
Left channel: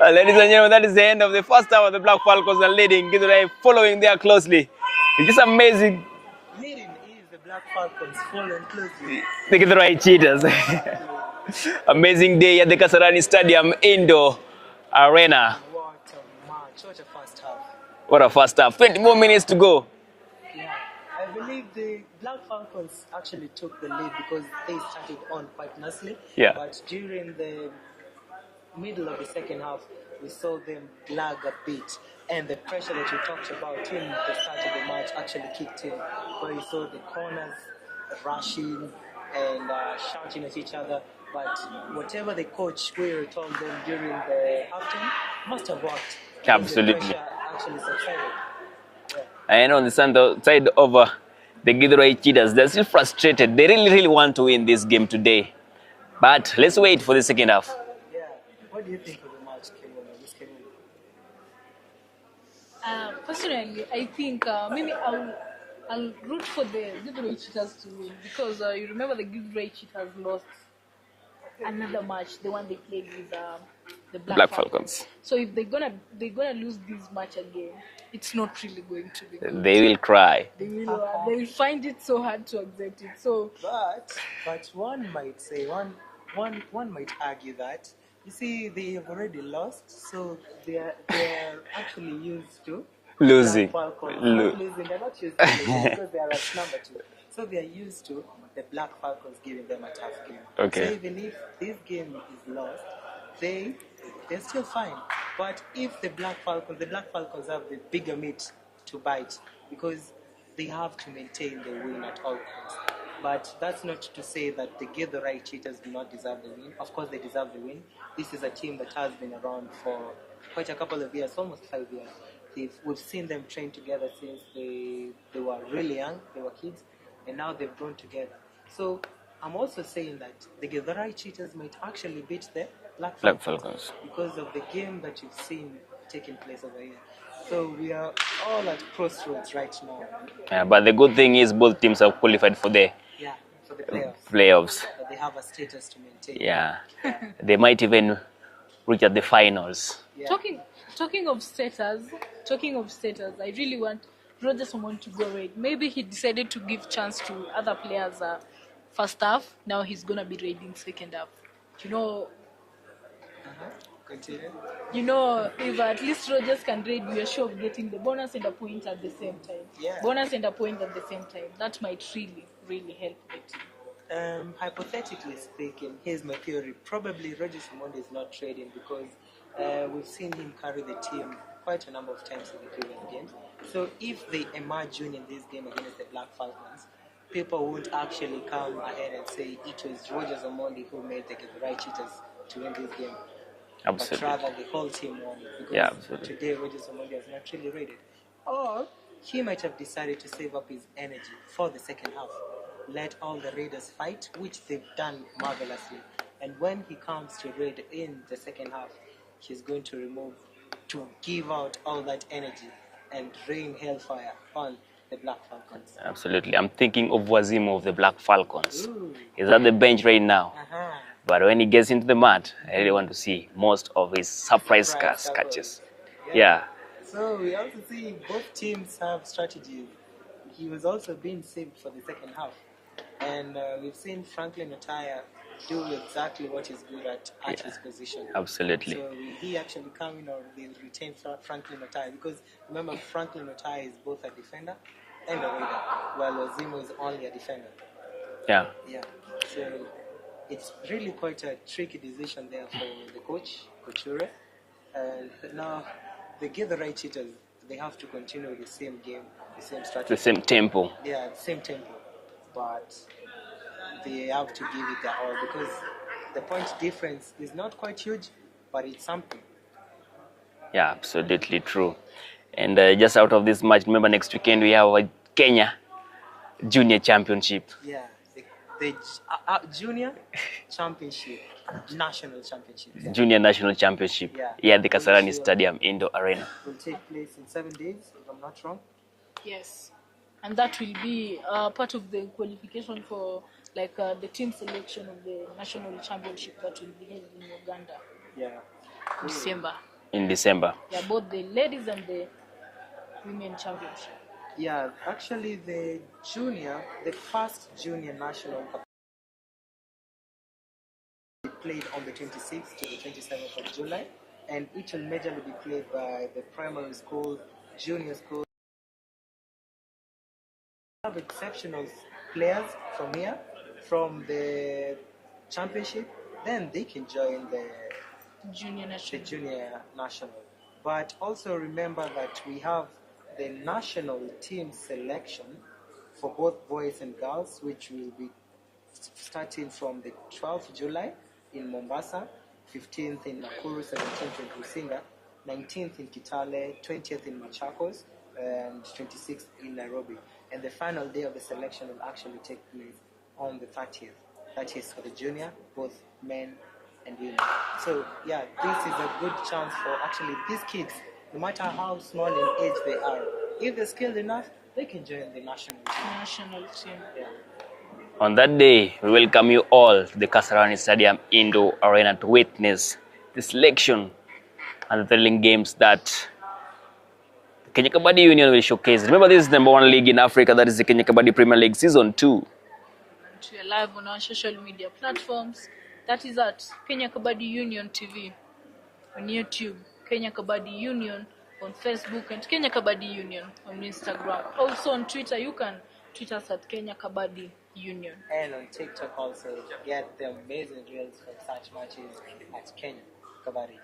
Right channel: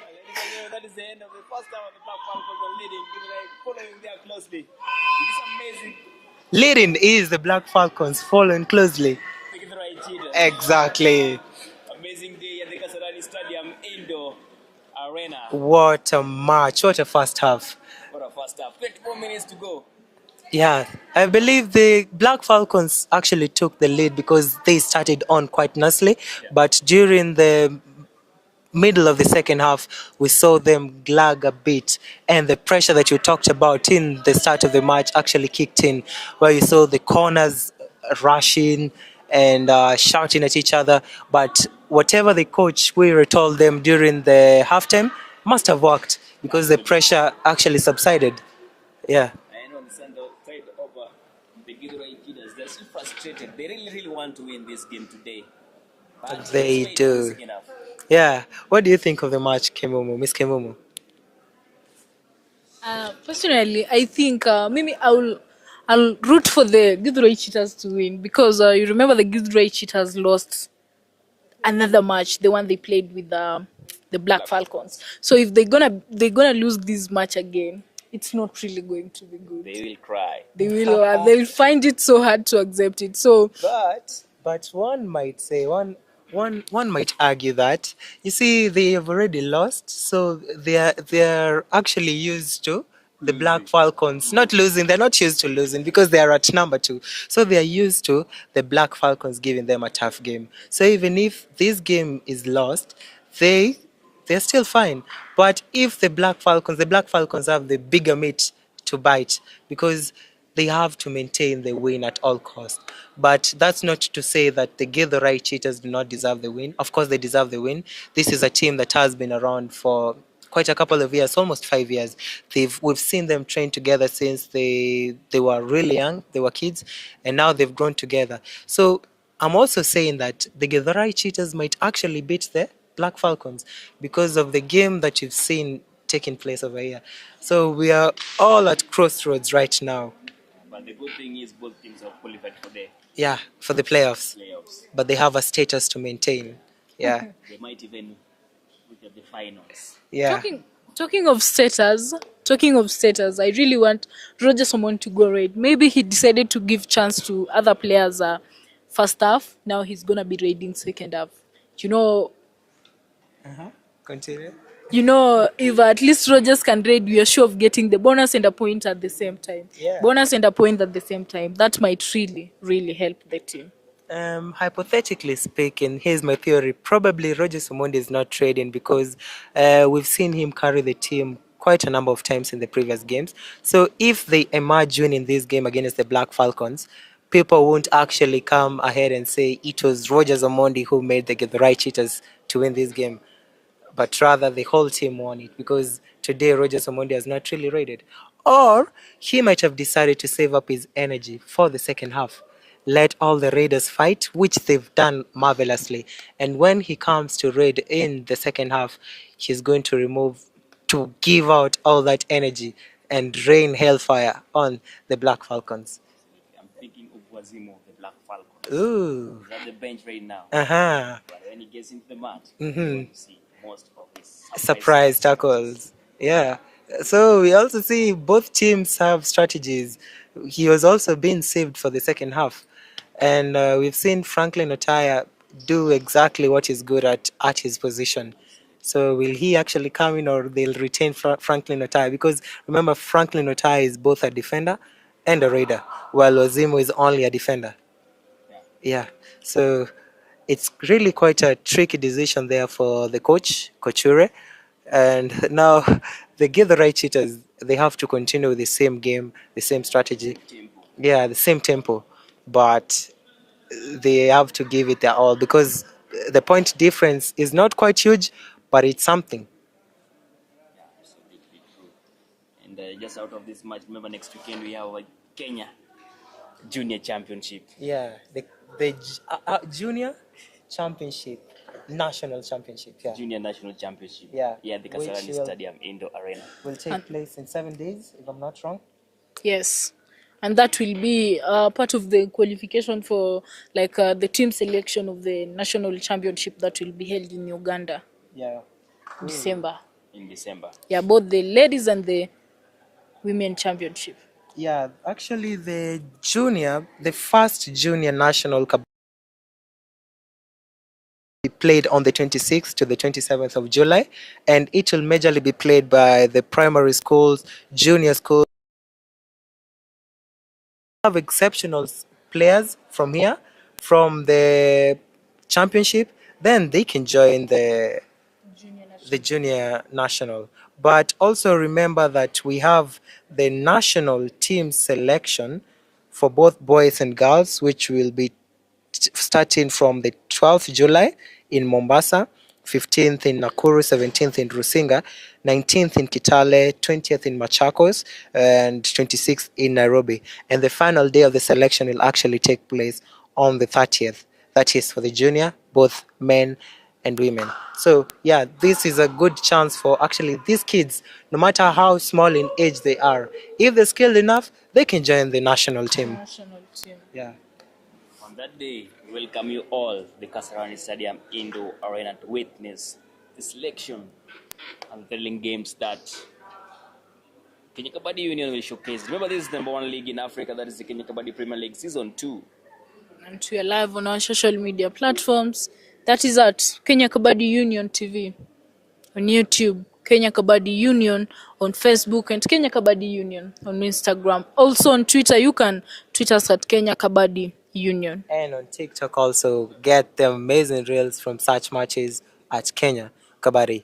Ladies and gentlemen, that is the end of the first half of the Black Falcons are leading. Githurai following there closely. It's just amazing. Leading is the Black Falcons, following closely. The Githurai Cheetahs. Exactly. Amazing day at the Kasarani Stadium Indoor Arena. What a match. What a first half. What a first half. 20 more minutes to go. Yeah, I believe the Black Falcons actually took the lead because they started on quite nicely. Yeah. But during the middle of the second half, we saw them lag a bit. And the pressure that you talked about in the start of the match actually kicked in, where you saw the corners rushing and shouting at each other. But whatever the coach Wira told them during the halftime must have worked because Absolutely. the pressure actually subsided. Yeah. And on the side of the Githurai Cheetahs, they're still frustrated. They really, really want to win this game today. But let's They wait for the do. second half. Yeah. What do you think of the match, Kemumu, Miss Kemumu? Personally, I think maybe I'll root for the Githurai Cheetahs to win because you remember the Githurai Cheetahs lost another match, the one they played with the Black Black Falcons. Falcons. So if they're gonna lose this match again, it's not really going to be good. They will cry. They'll find it so hard to accept it. So But one might say one might argue that you see they have already lost, so they're actually used to the Black Losing. Falcons not losing. They're not used to losing because they are at number 2. So they are used to the Black Falcons giving them a tough game. Okay. So even if this game is lost, they're still fine. But if the Black Falcons have the bigger meat to bite because they have to maintain the win at all costs. But that's not to say that the Githurai Cheetahs do not deserve the win. Of course, they deserve the win. This is a team that has been around for quite a couple of years, almost 5 years. We've seen them train together since they were really young, they were kids, and now they've grown together. So I'm also saying that the Githurai Cheetahs might actually beat the Black Falcons because of the game that you've seen taking place over here. So we are all at crossroads right now. Yeah, but the good thing is both teams have qualified for the For the playoffs. But they have a status to maintain. Yeah. They might even reach at the finals. Yeah. talking of status, I really want Roger Somon to go red. Maybe he decided to give chance to other players first half. Now he's gonna be raiding second half. Continue. If at least Rogers can raid, we are sure of getting the bonus and a point at the same time. Yeah. Bonus and a point at the same time. That might really, really help the team. Hypothetically speaking, here's my theory. Probably Roger Somondi is not trading because we've seen him carry the team quite a number of times in the previous games. So if they emerge winning this game against the Black Falcons, people won't actually come ahead and say it was Roger Somondi who made the Githurai Cheetahs to win this game. But rather the whole team won it because today Roger Somondi has not really raided. Or he might have decided to save up his energy for the second half. Let all the raiders fight, which they've done marvelously. And when he comes to raid in the second half, he's going to give out all that energy and rain hellfire on the Black Falcons. Absolutely. I'm thinking of Wazimu of the Black Falcons. Ooh. He's at the bench right now. Uh-huh. But when he gets into the mat, I really want to see most of his surprise tackles. Yeah. So we also see both teams have strategies. He was also being saved for the second half. And we've seen Franklin Otaya do exactly what he's good at his position. Absolutely. So will he actually come in or they'll retain Franklin Otaya? Because remember, Franklin Otaya is both a defender and a raider, while Wazimu is only a defender. Yeah. So it's really quite a tricky decision there for the coach, Kochure. And now the Githurai Cheetahs, they have to continue with the same game, the same strategy. The same tempo. Yeah, the same tempo. But they have to give it their all because the point difference is not quite huge, but it's something. Yeah, absolutely true. And just out of this match, remember next weekend we have a Kenya Junior Championship. Yeah, the Junior Championship, National Championship. Yeah. Junior National Championship. Yeah, the Kasarani Stadium Indoor Arena. Will take place in 7 days, if I'm not wrong. Yes. And that will be part of the qualification for the team selection of the national championship that will be held in Uganda. Yeah. In December. Yeah, both the ladies and the women championship. Yeah, actually the first junior national cup be played on the 26th to the 27th of July, and it will majorly be played by the primary schools, junior schools. Have exceptional players from here, from the championship, then they can join the junior national. But also remember that we have the national team selection for both boys and girls, which will be starting from the 12th July in Mombasa, 15th in Nakuru, 17th in Rusinga, 19th in Kitale, 20th in Machakos, and 26th in Nairobi. And the final day of the selection will actually take place on the 30th. That is for the junior, both men and women. So yeah, this is a good chance for actually these kids, no matter how small in age they are, if they're skilled enough, they can join the national team. Yeah. On that day, we welcome you all to the Kasarani Stadium Indoor Arena to witness the selection and the thrilling games that Kenya Kabaddi Union will showcase. Remember, this is the #1 league in Africa, that is the Kenya Kabaddi Premier League Season 2. And we are live on our social media platforms. That is at Kenya Kabaddi Union TV on YouTube, Kenya Kabaddi Union on Facebook, and Kenya Kabaddi Union on Instagram. Also on Twitter, you can tweet us at Kenya Kabaddi Union. And on TikTok also, get the amazing reels from such matches at Kenya Kabaddi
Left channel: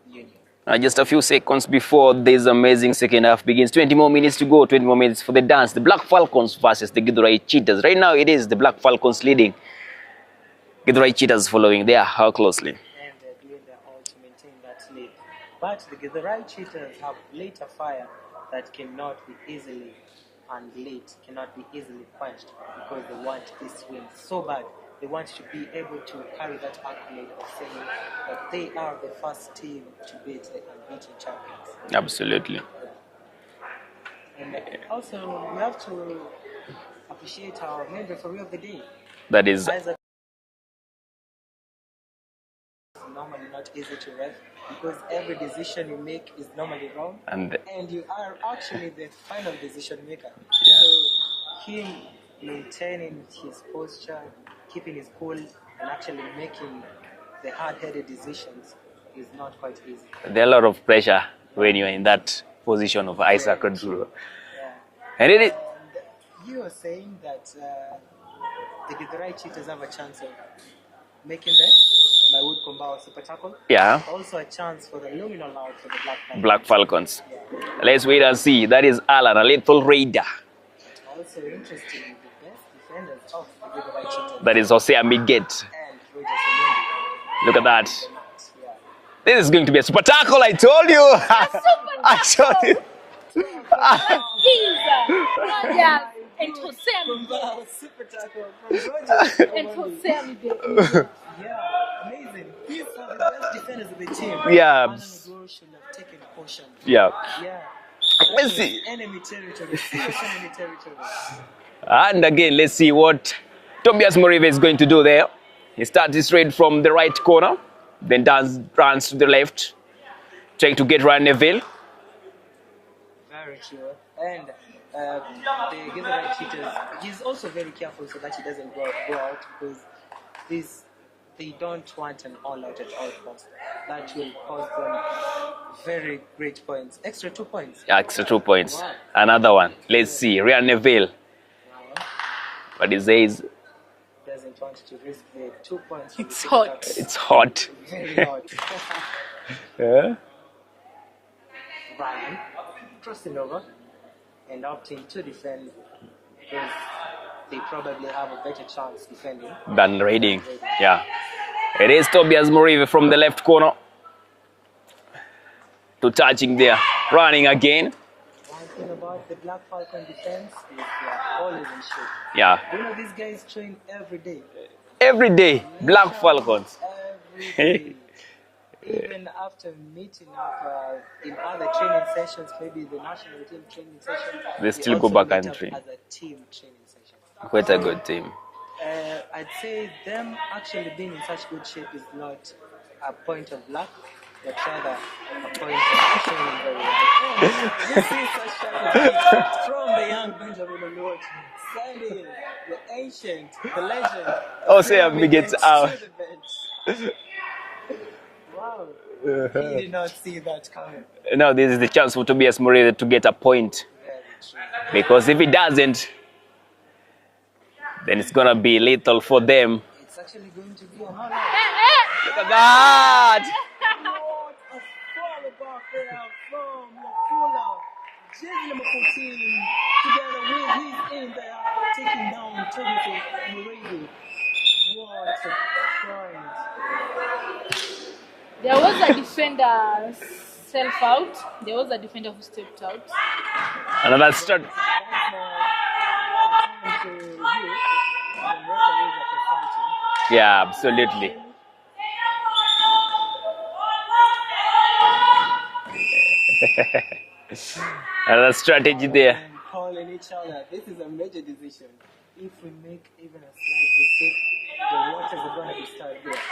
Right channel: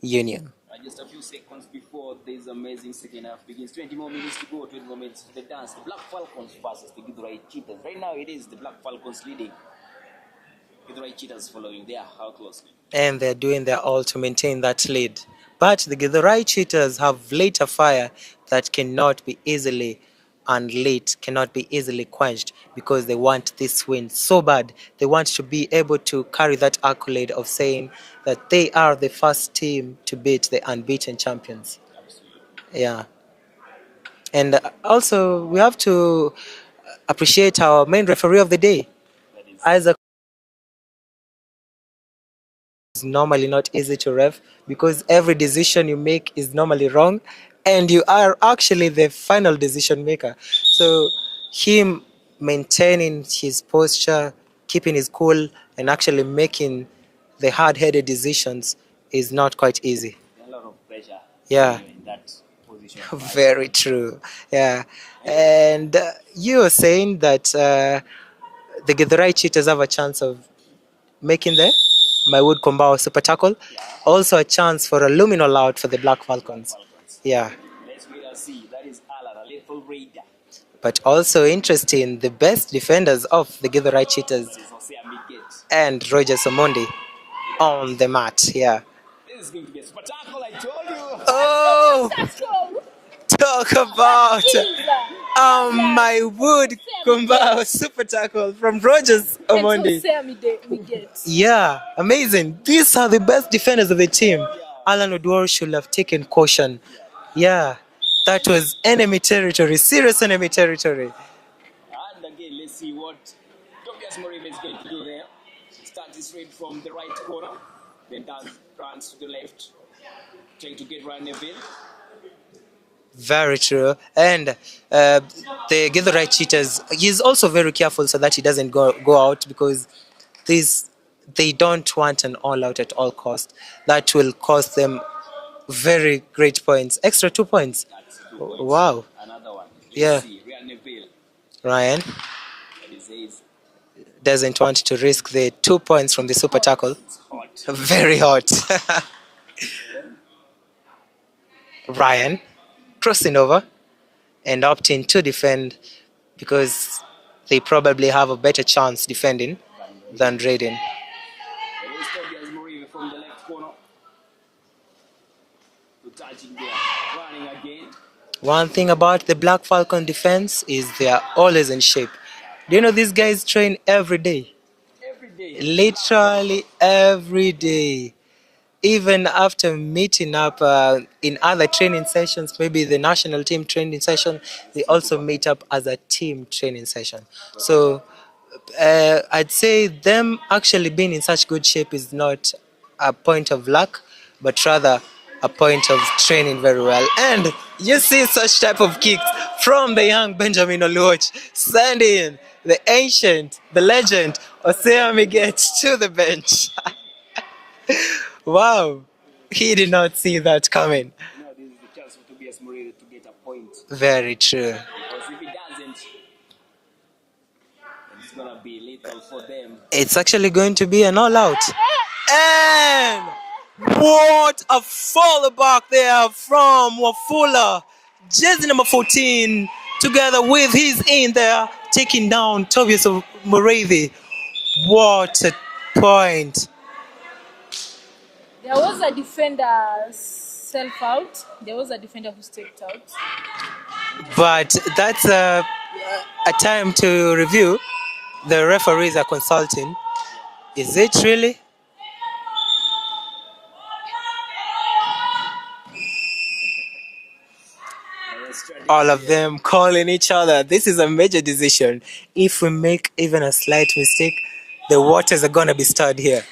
Union. Just a few seconds before this amazing second half begins, 20 more minutes to go, 20 more minutes for the dance. The Black Falcons versus the Githurai Cheetahs. Right now it is the Black Falcons leading. Githurai Cheetahs following there. How closely? And they're doing their all to maintain that lead. But the Githurai Cheetahs have lit a fire that cannot be easily unlit, cannot be easily quenched, because they want this win so bad. They want to be able to carry that accolade of saying that they are the first team to beat the unbeaten champions. Absolutely. Yeah. And also, we have to appreciate our main referee of the day. That is Isaac. Is normally not easy to ref, because every decision you make is normally wrong, and you are actually the final decision maker. Yeah. So him maintaining his posture, keeping his cool, and actually making the hard-headed decisions is not quite easy. There's a lot of pressure when you're in that position of Isaac. Very true. Yeah. And you were saying that the Githurai Cheetahs have a chance of making my wood Kombao super tackle. Yeah. Also a chance for a luminal out for the Black Falcons. Black Falcons. Yeah. Let's wait and see. That is Alan, a lethal raider. But also interesting, the best defenders of the Githurai Cheetahs. That is Jose Amiget. And Roger Somondi. Look at on that. The mat, yeah. This is going to be a super tackle, I told you. Oh! I told you. Talk about my wood Kombao super tackle from Rogers Omondi. Yeah, amazing. These are the best defenders of the team. Yeah. Alan Odwar should have taken caution. Yeah. Yeah. That was enemy territory, serious enemy territory. And again, let's see what Tobias Morive is going to do there. He starts straight from the right corner, then runs to the left, trying to get Ryan Neville. Very true. And the Githurai Cheetahs, he's also very careful so that he doesn't go out, because they don't want an all-out at all cost. That will cost them very great points. Extra 2 points. Yeah, extra 2 points. Wow. Another one. Let's see. Ryan Neville. Ryan. But he says doesn't want to risk the 2 points from the super tackle. It's hot. Very hot. Yeah. Ryan crossing over and opting to defend, because they probably have a better chance defending than raiding. Yeah. It is Tobias Morive from the left corner. To touching there, running again. One thing about the Black Falcon defense is they are always in shape. Yeah. Do you know these guys train every day? Every day. Literally every day. Even after meeting up in other training sessions, maybe the national team training session, they also meet up as a team training session. Quite a good team. I'd say them actually being in such good shape is not a point of luck, but rather a point of training very well. And you see such type of kicks from the young Benjamin Oluoch, sending the ancient, the legend, Oseami gets to the bench. Wow, he did not see that coming. No, this is the chance for Tobias Morive to get a point. Very true. Because if he doesn't, then it's going to be lethal for them. It's actually going to be an all-out. And what a follow back there from Wafula. Jersey number 14, together with his in there, taking down Tobias Morive. What a point. There was a defender self out. There was a defender who stepped out. Another But that's a time to review. The referees are consulting. yeah, Is absolutely. it really? Another strategy All of there. them calling each other. This is a major decision. If we make even a slight mistake, the waters are gonna be stirred here,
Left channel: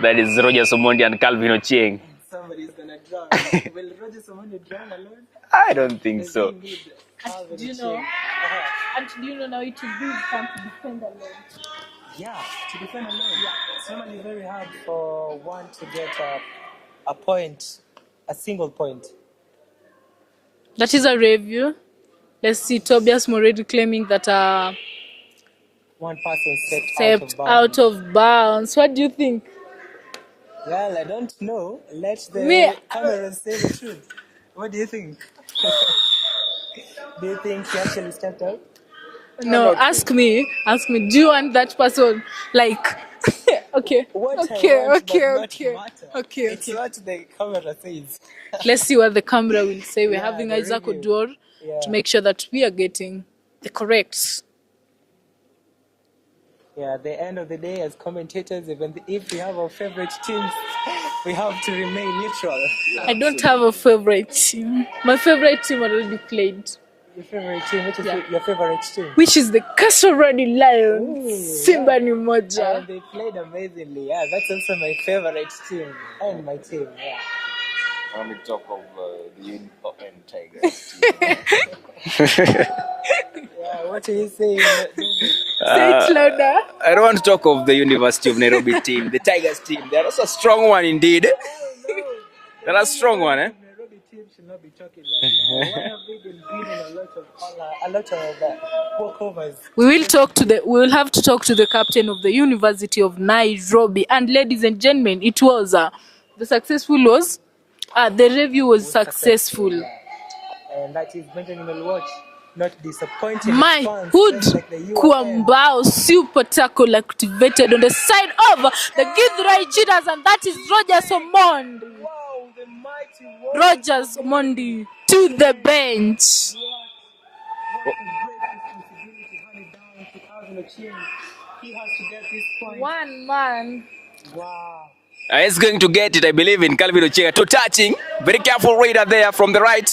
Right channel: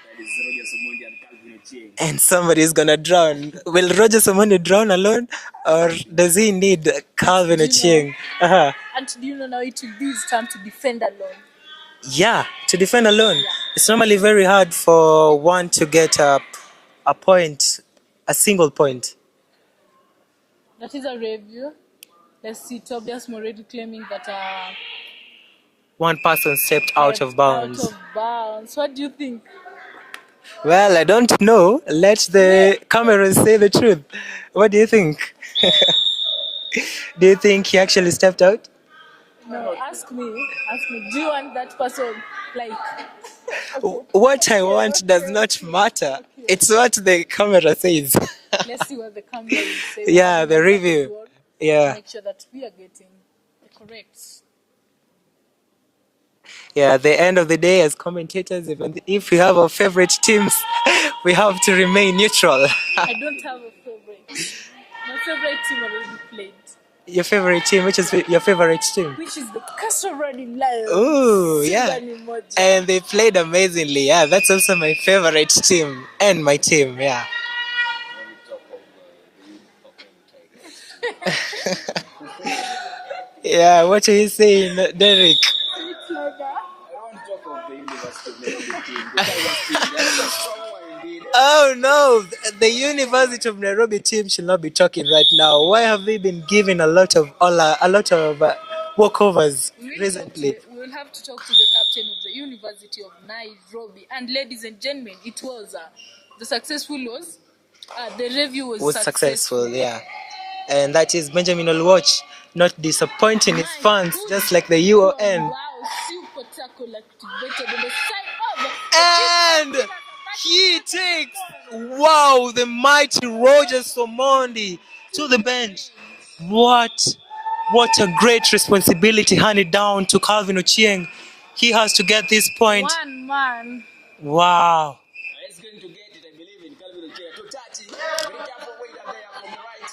That is Roger Somondi and Calvin Ochieng. and somebody is gonna drown. Will Roger Somoni drown alone, I or don't think does so. he need Calvin Do you know? Ochieng? Uh-huh. And do you know now it will be his turn to defend alone? Yeah, to defend alone. It's normally very hard for one to get a point, a single point. That is a review. Let's see Tobias Moredi claiming that One person stepped out of bounds. out of bounds. What do you think? Well, I don't know. Let the Me- cameras say the truth. What do you think? Do you think he actually stepped out? No, ask me. Ask me. Do you want that person? Like, okay. What I okay, want okay, does not okay, matter. Okay. It's what the camera says. Let's see what the camera will say. We're Yeah, having the Isaac review. Oduor Yeah. to make sure that we are getting the correct. Yeah, at the end of the day, as commentators, if we have our favorite teams, we have to remain neutral. I don't have a favorite. My favorite team already played, Your favorite team, which is your favorite team? which is the Kasarani Lions. Ooh, Simba yeah. ni moja. And they played amazingly. Yeah, that's also my favorite team and my team. Yeah. Let me talk of the Union Tigers. Yeah, what are you saying, Derek? Say it louder. I don't want to talk of the University of Nairobi team, the Tigers team. That's a strong one indeed. Oh no, the That's a strong University one, of Nairobi team should not be talking right now. Why have they been given a lot of walkovers? We will have to talk to the captain of the University of Nairobi. And ladies and gentlemen, it was the review was successful. Yeah, and that is Benjamin Olwatch not disappointing My his fans, hood just like the UN. Kwambao super tackle activated on the side of the Githurai Cheetahs, and that is Roger Somon. Wow, the mighty Rogers Omondi to the bench. What a great responsibility handed down to Calvin Ochieng. He has to get this point. One man. Wow. He's going to get it, I believe, in Calvin Ochieng. To touching. Very careful Raider there from the right.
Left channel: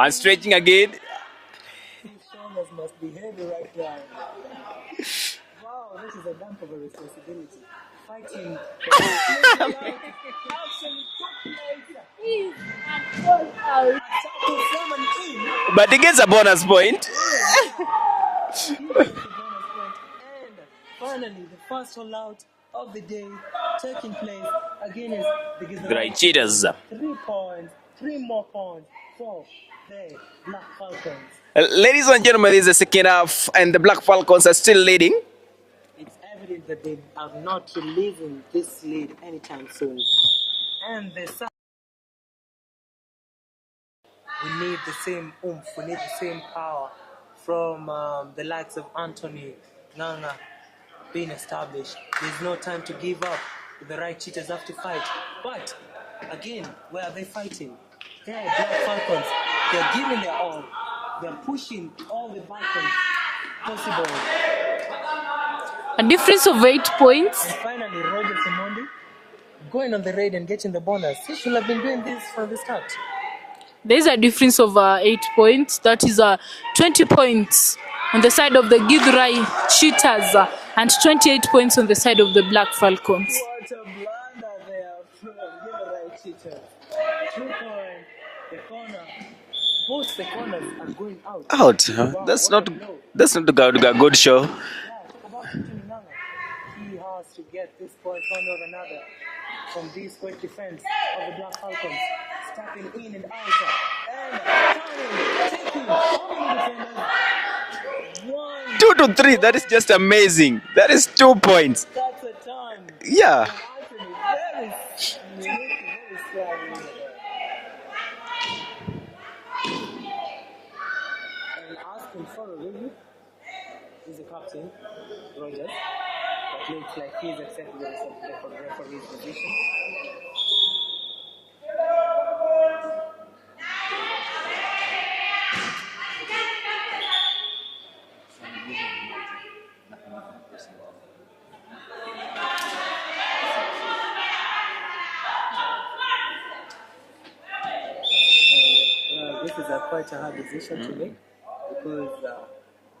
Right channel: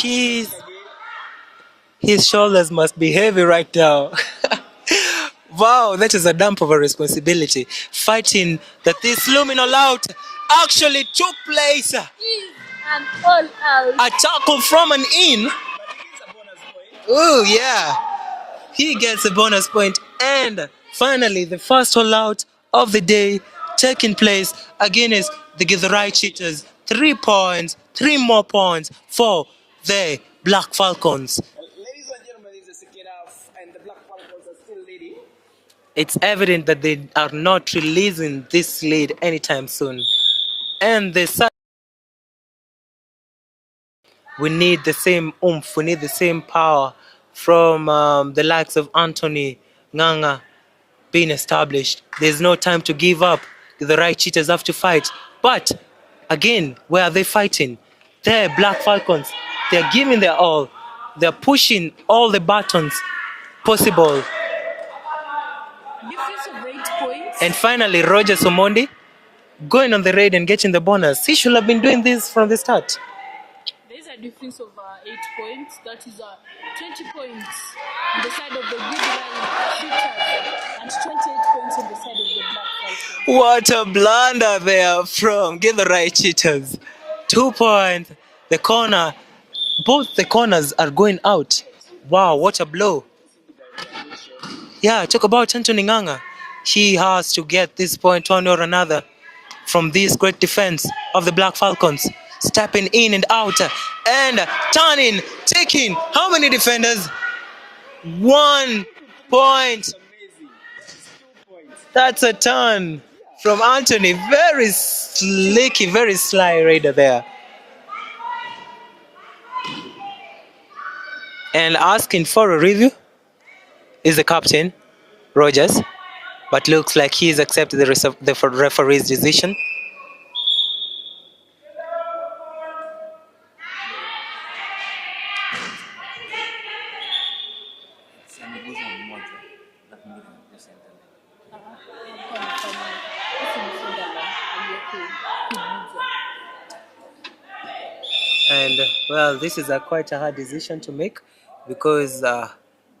And straightening again. His shoulders must be heavy right now. Wow, that is a dump of a responsibility. Fighting that this luminal out actually took place. And all out. A tackle from an in. But he gets a bonus point. Oh, yeah. He gets a bonus point. And finally, the first all out of the day taking place against the Githurai Cheetahs. 3 points, 3 more points for the Black Falcons. Ladies and gentlemen, this is the second half, and the Black Falcons are still leading. It's evident that they are not releasing this lead anytime soon. And we need the same oomph, we need the same power from the likes of Anthony Nganga being established. There's no time to give up. The right cheaters have to fight. But again, where are they fighting? They're Black Falcons. They're giving their all. They're pushing all the buttons possible. A difference of 8 points. And finally, Roger Somondi going on the raid and getting the bonus. He should have been doing this from the start. There's a difference of 8 points. That is 20 points on the side of the Githurai Cheetahs and 28 points on the side of the Black Falcons. What a blunder there from Githurai Cheetahs. 2 points. The corner. Both the corners are going out. Wow, That's what not a blow. That's not a good show. Yeah, talk about Anthony Nganga. He has to get this point one or another from this great defense of the Black Falcons. Stepping in and out and turning, taking. How many defenders? 1 2 to 3. That point. is just amazing. That is 2 points. That's a turn. Yeah. From Anthony. Very slicky, very sly raider there. And asking for a review is the captain, Rogers. But looks like he's accepted the referee's decision. Well, this is quite a hard decision to make because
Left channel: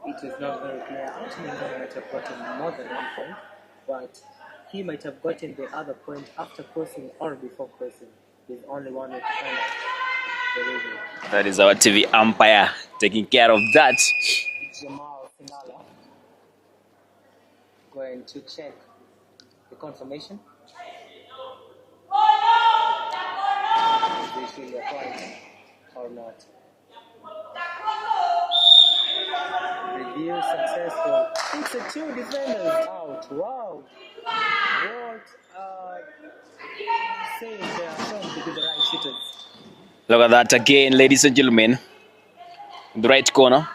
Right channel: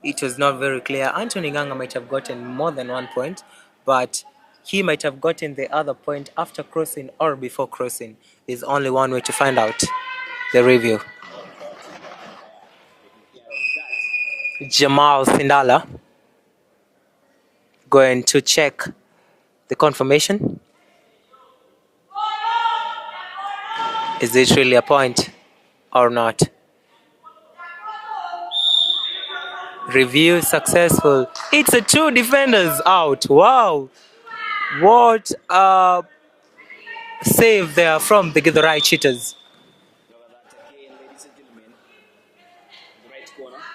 it was not very clear. Anthony Nganga might have gotten more than 1 point, but he might have gotten the other point after crossing or before crossing. There's only one way to find out. The review. That is our TV umpire taking care of that. Jamal Sindala going to check the confirmation. Is it really a point or not? Review successful. It's a 2 defenders out. Wow. What a save there from the Githurai Cheetahs. Look at that again, ladies and gentlemen. In the right corner.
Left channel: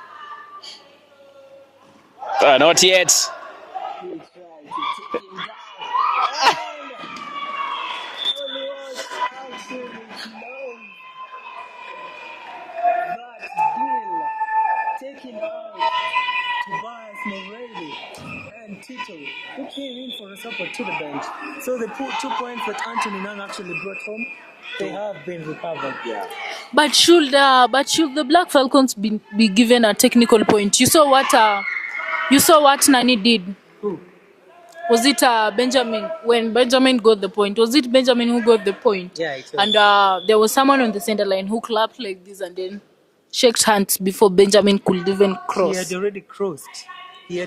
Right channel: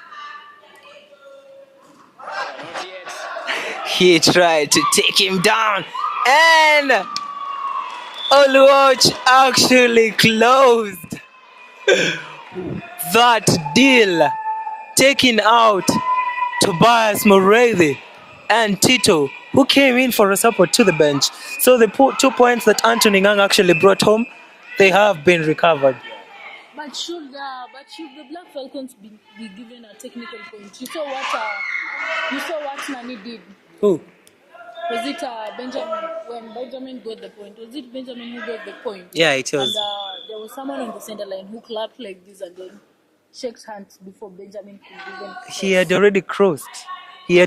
Not yet. He tried to take him down. And Oluwatch actually closed that deal, taking out Tobias Mureithi and Tito, who came in for a support to the bench. So the 2 points that Anthony Ngang actually brought home, they have been recovered. But should the Black Falcons be given a technical point? You saw what Nani did. Who? Was it Benjamin? When Benjamin got the point, was it Benjamin who got the point? Yeah, it was. And there was someone on the center line who clapped like this and then shook hands before Benjamin could even cross. He had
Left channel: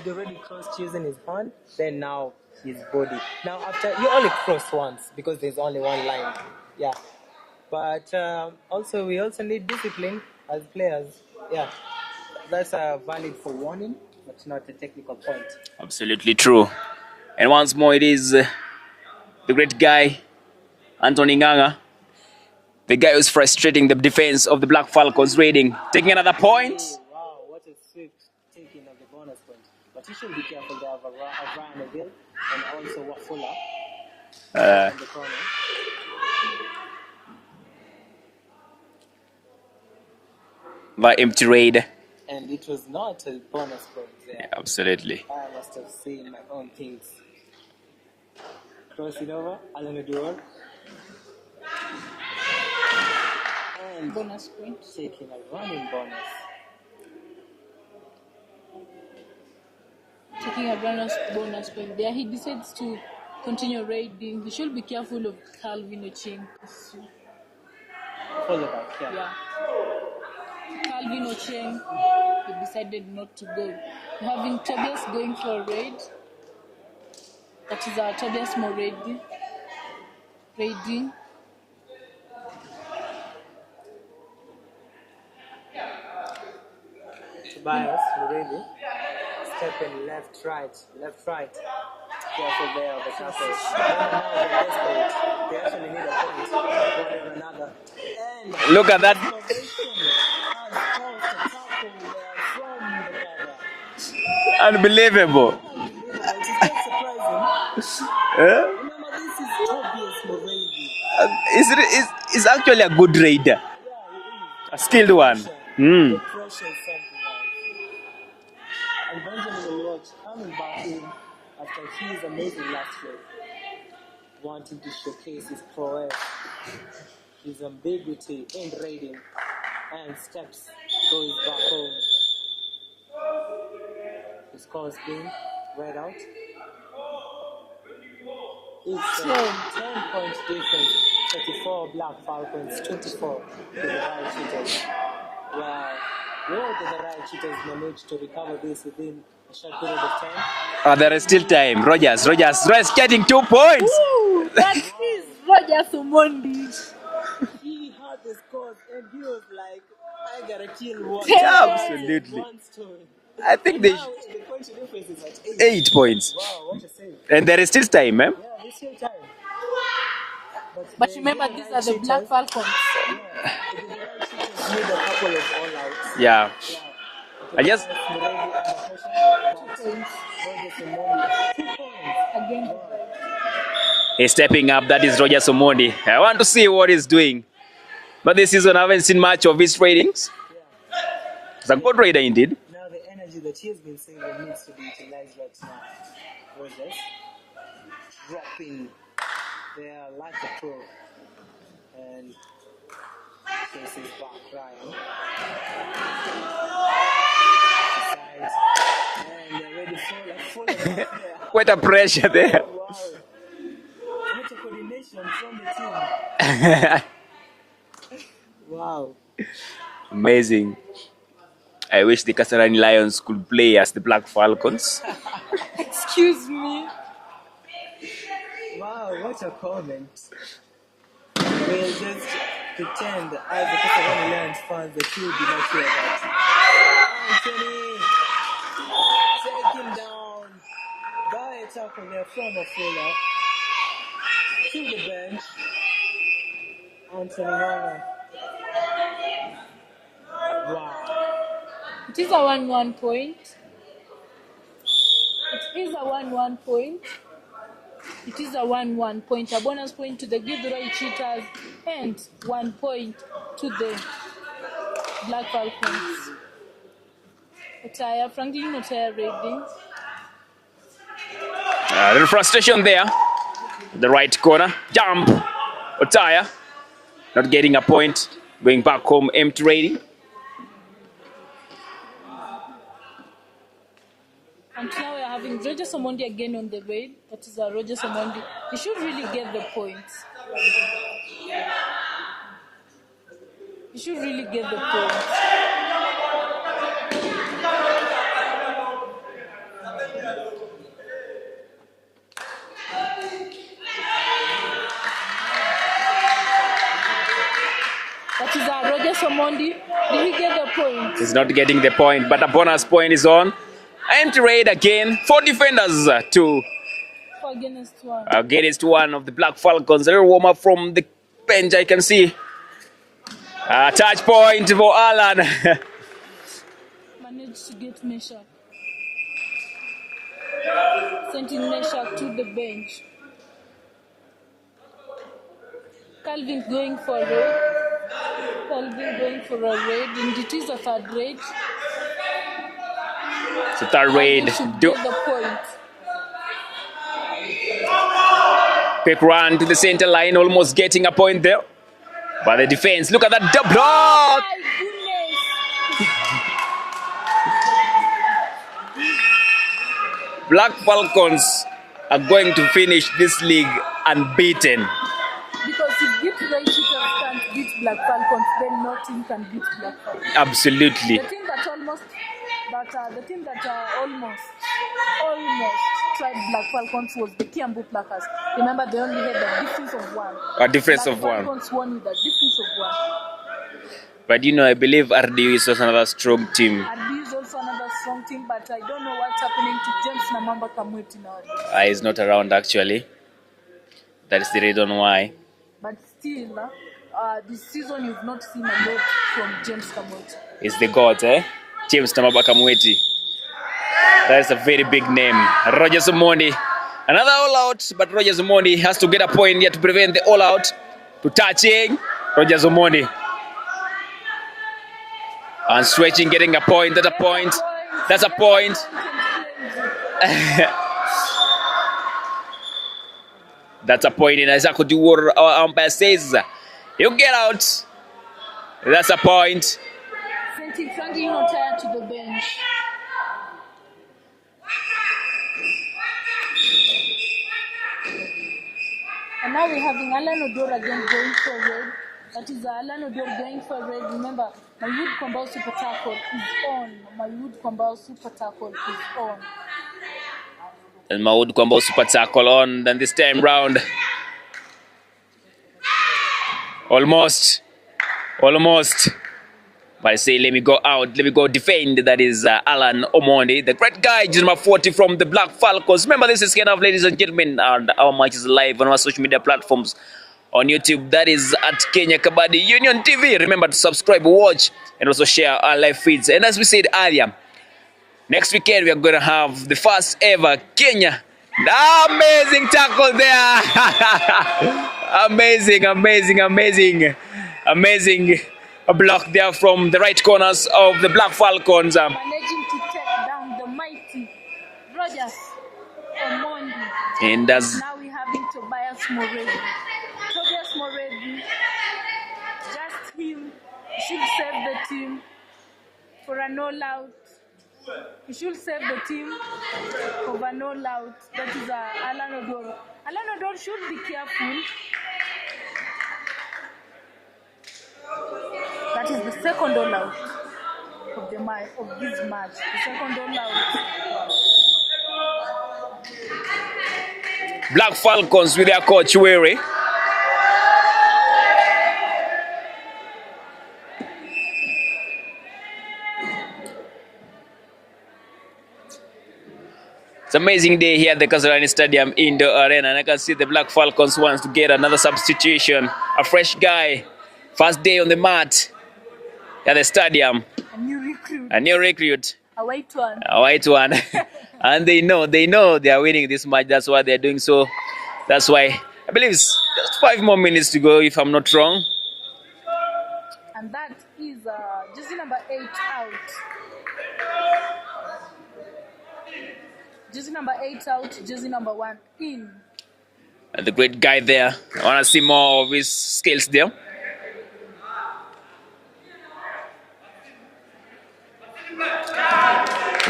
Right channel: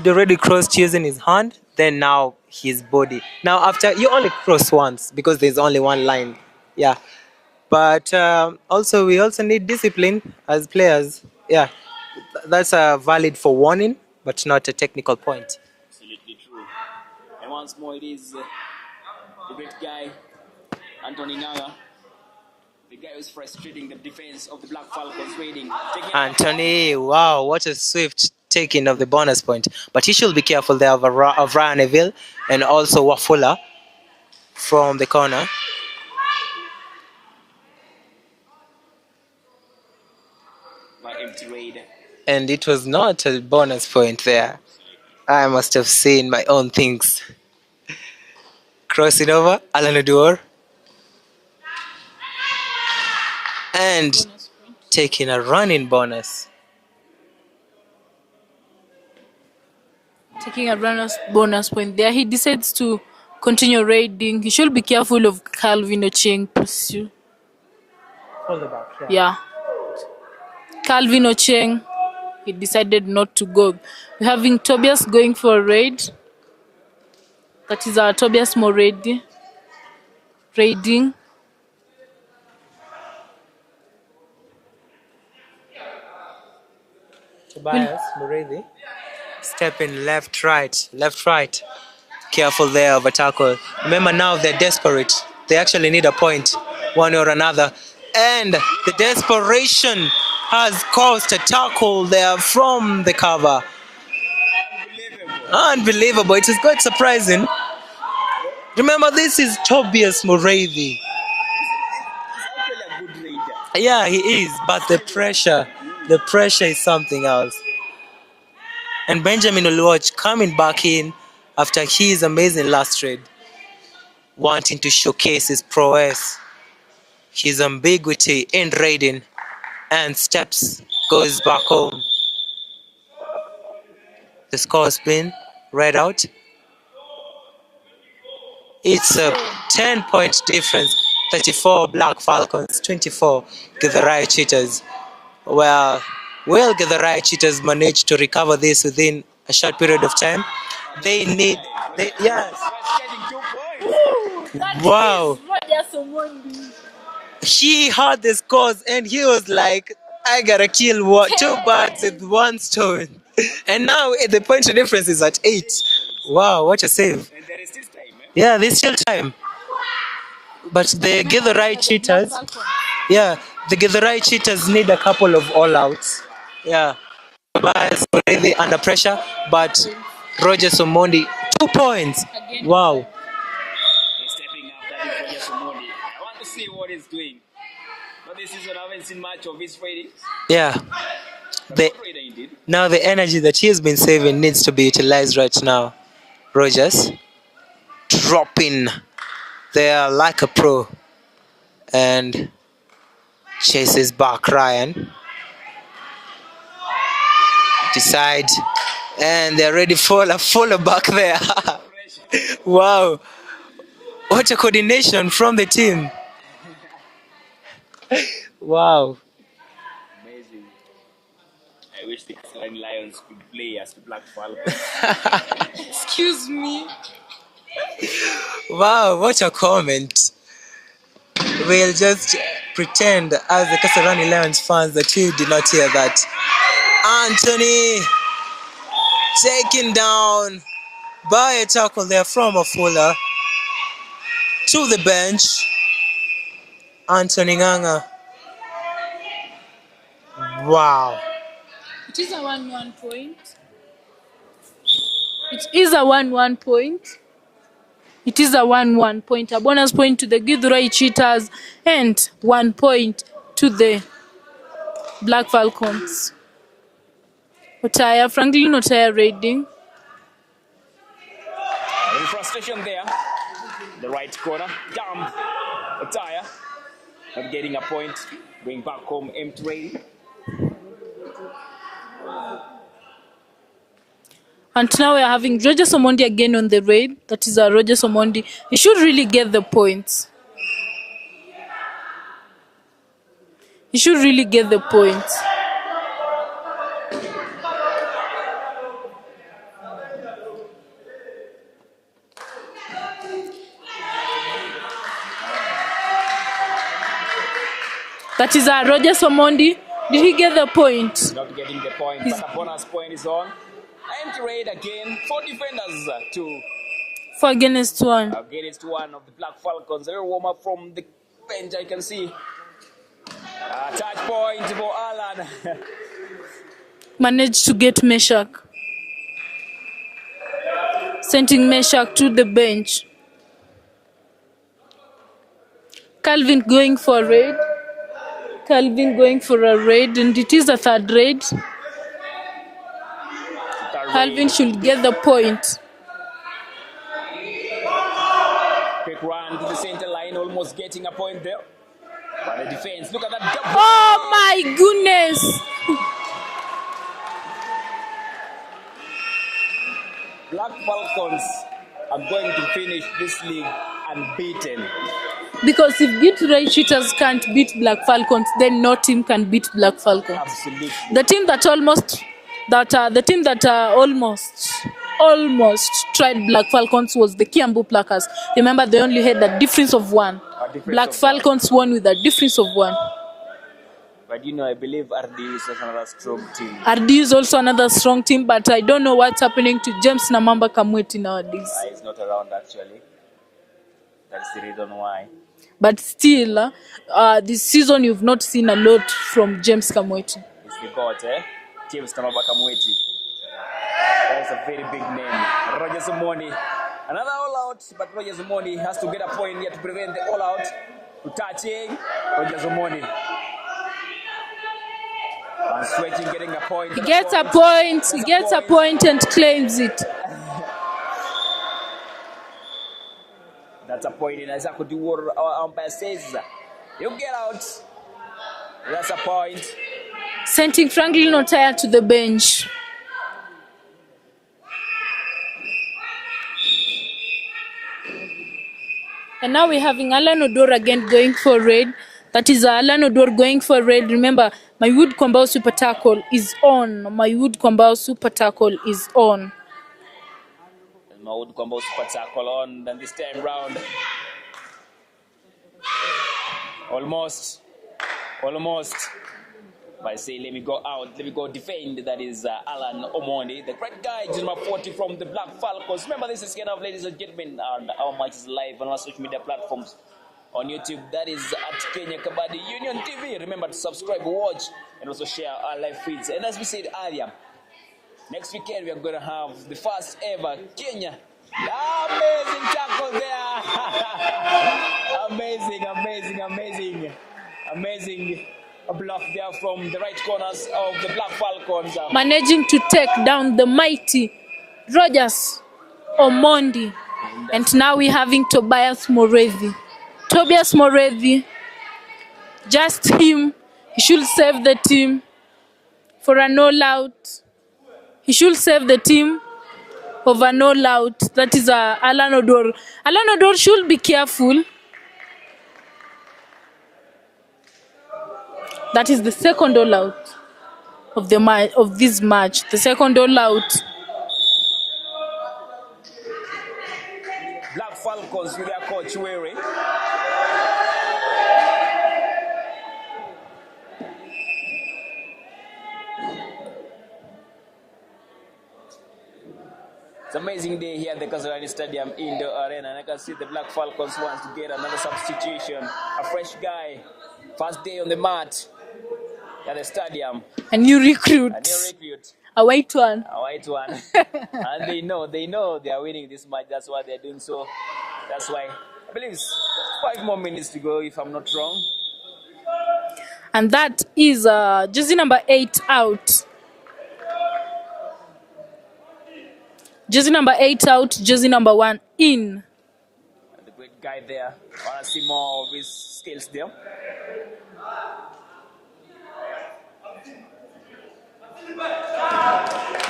already crossed using his hand, then now his body. Now after, you only cross once because there's only one line. Yeah. But also we also need discipline as players. Yeah. That's valid for warning, but not a technical point. Absolutely true. And once more, it is the great guy, Anthony Nganga, the guy who's frustrating the defense of the Black Falcons raiding, taking another Anthony, point. wow, what a swift taking of the bonus point. But he should be careful there of Ryan Neville and also Wafula from the corner. By empty raid. And it was not a bonus point there. Absolutely. I must have seen my own things. Crossing over, Alan Oduor. And taking a running bonus. Taking a bonus point there. He decides to continue raiding. He should be careful of Calvin Ocheng pursue. Yeah. Calvin Ocheng, he decided not to go. We're having Tobias going for a raid. That is our Tobias Moredi raiding. Tobias Mureithi stepping left, right. Careful there of a tackle. Remember now they're desperate. They actually need a point, one or another. And look the at that. desperation has caused a tackle there from the cover. Unbelievable. It is quite surprising. Remember, this is Tobias Mureithi. He's actually a good raider. Yeah, he is. But Still the pressure is something else. And Benjamin Oluwatch coming back in after his amazing last raid, wanting to showcase his prowess, his ambiguity in raiding, and steps, goes back home. The score has been read out. It's a 10-point difference. 34 Black Falcons, 24 Githurai Cheetahs. Well, will Githurai Cheetahs manage to recover this within a short period of time? There is still time. Rogers getting 2 points. Wow. Rogers Omondi. He heard the scores and he was like, I gotta kill two birds with one stone. And now the point difference is at 8. 8 points. Wow, what a save. And there is still time, man. Yeah, there's still time. But the Githurai Cheetahs, the Githurai Cheetahs need a couple of all-outs. Yeah. Tobias Mureithi under pressure, but Roger Somondi, 2 points. Again. Wow. He's stepping up. That is Roger Somondi. I want to see what he's doing. But this season, I haven't seen much of his ratings. Yeah. He's a good raider indeed. Now the energy that he has been saving needs to be utilized right now. Rogers dropping there like a pro. And Chases back Ryan. Decide. And they're ready for a follow back there. What a pressure there. Wow. What a coordination from the team. Wow. Amazing. I wish the Kasarani Lions could play as the Black Falcons. Excuse me. Wow, what a comment. We'll just pretend as the Kasarani Lions fans that we did not hear that. Anthony taken down by a tackle there from Afula to the bench. Anthony Nganga. Wow. It is a 1-1 point. It is a 1-1 point. It is a 1-1 point. A bonus point to the Githurai Cheetahs and 1 point to the Black Falcons. Otaya, Franklin Otaya raiding. A little frustration there. The right corner. Jump. Otaya. Not getting a point. Going back home empty raiding. And now we are having Roger Omondi again on the raid. That is Roger Omondi. He should really get the points. He should really get the points. That is Roger Omondi. Did he get the point? He's not getting the point, but a bonus point is on. Empty raid again. 4 defenders to 4 against 1. against one of the Black Falcons. A little warm up from the bench, I can see. A touch point for Alan. Managed to get Meshach. Sending Meshach to the bench. Calvin going for a raid. Calvin going for a raid, and it is a third raid. So third Calvin raid. should get the point. Quick run to the center line, almost getting a point there. But the defense, look at that double. Oh my goodness! Black Falcons are going to finish this league unbeaten. Because if Githurai Cheetahs can't beat Black Falcons, then no team can beat Black Falcons. Absolutely. The team that almost tried Black Falcons was the Kiambu Plackers. Remember, they only had a difference of 1. A difference Black of Falcons won with a difference of 1. But you know, I believe RDU is also another strong team. RD is also another strong team, but I don't know what's happening to James Namamba Kamweti nowadays. He's not around actually. That's the reason why. But still, this season you've not seen a lot from James Kamweti. He's the god, eh? James Namamba Kamweti. That's a very big name. Roger Omondi. Another all-out, but Roger Omondi has to get a point here to prevent the all-out. To touching, Roger Omondi. And stretching, getting a point. That's Gets a point. a point. That's Gets a point. a point and claims it. That's a point. And Isaac Oduor, our umpire says, you get out. That's a point. Sending Franklin Otaya to the bench. And now we're having Alan Odor again going for raid. That is Alan Odor going for raid. Remember, my Wood Kwambao Super Tackle is on. My Wood Kwambao Super Tackle is on. And Maud Kwambao Super Tackle on. Then this time round. Almost. But I say, let me go out. Let me go defend. That is Alan Omondi, the great guy, number 40 from the Black Falcons. Remember, this is kind of, ladies and gentlemen, and our match is live on our social media platforms. On YouTube, that is at Kenya Kabaddi Union TV. Remember to subscribe, watch, and also share our live feeds. And as we said earlier, next weekend we are going to have the first ever Kenya. Amazing tackle there. Amazing. A block there from the right corners of the Black Falcons. Managing to take down the mighty Rogers Omondi. And now we're having Tobias Morethi. Tobias Morethi Just him. He should save the team for an all-out. He should save the team of an all-out. That is Alan Odor. Alan Odor should be careful. That is the second all-out of this match. The second all-out. Black Falcons with their coach Weary. It's an amazing day here at the Kasarani Stadium Indoor Arena, and I can see the Black Falcons wants to get another substitution, a fresh guy, first day on the mat at the stadium. A new recruit. A white one. And they know they are winning this match. That's why they're doing so. That's why I believe it's just 5 more minutes to go, if I'm not wrong. And that is jersey number 8 out. Jersey number 8 out, jersey number 1 in. And the great guy there. I want to see more of his skills there.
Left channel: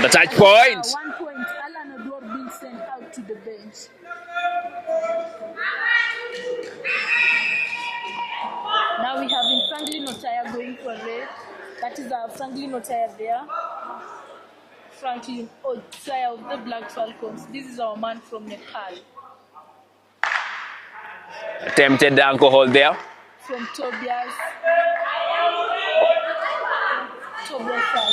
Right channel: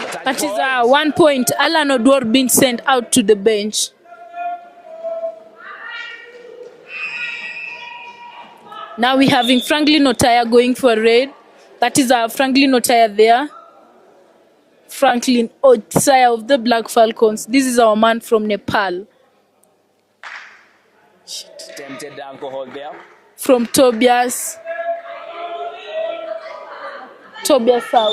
The touch point. 1 point. Alan Odor being sent out to the bench. Now we're having Franklin Otaya going for a raid. That is Franklin Otaya there. Franklin Otaya of the Black Falcons. This is our man from Nepal. Attempted alcohol there. From Tobias South.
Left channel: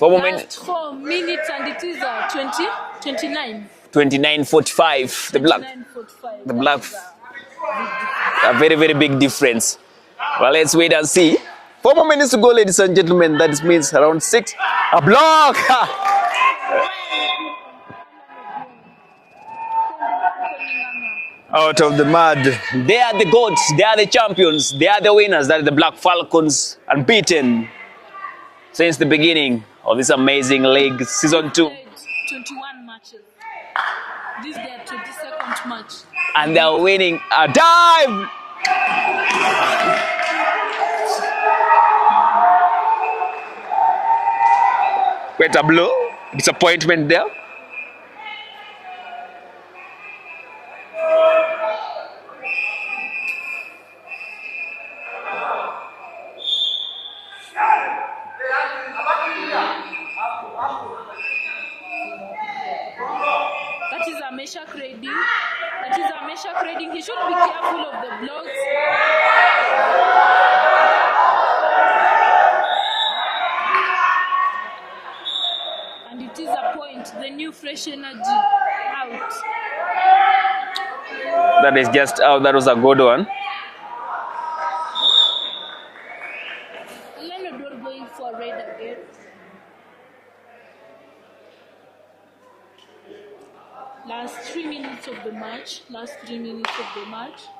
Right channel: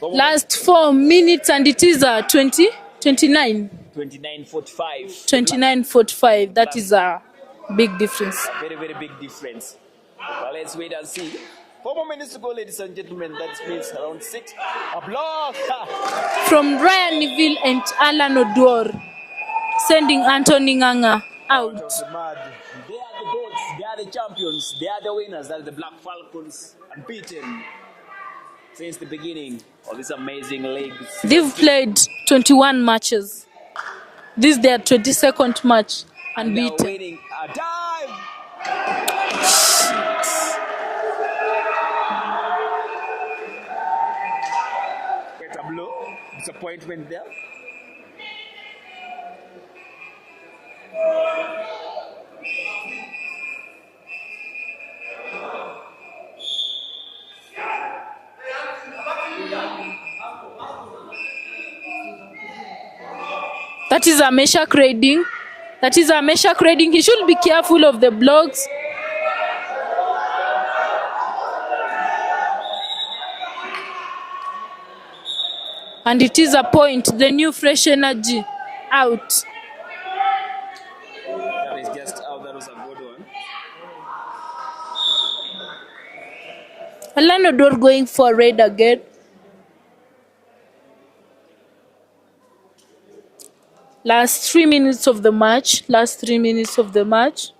Last 4 minutes and it is 29. 29:45. 29:45. That is a big difference. A very, very big difference. Well, let's wait and see. 4 more minutes to go, ladies and gentlemen. That means around 6. A block! From Ryan Neville and Alan Odor, sending Anthony Nganga out of the mud. They are the goats. They are the champions. They are the winners. That is the Black Falcons, unbeaten since the beginning of this amazing league. Season 2. They've played 21 matches. This is their 22nd match. And they are winning. A dive! Quite a blow. Disappointment there. That is a Meshach raiding. He should be careful of the blocks. And it is a point. The new fresh energy out. That is just out. That was a good one. Alan Odor going for raid again. Last 3 minutes of the match. Last 3 minutes of the match.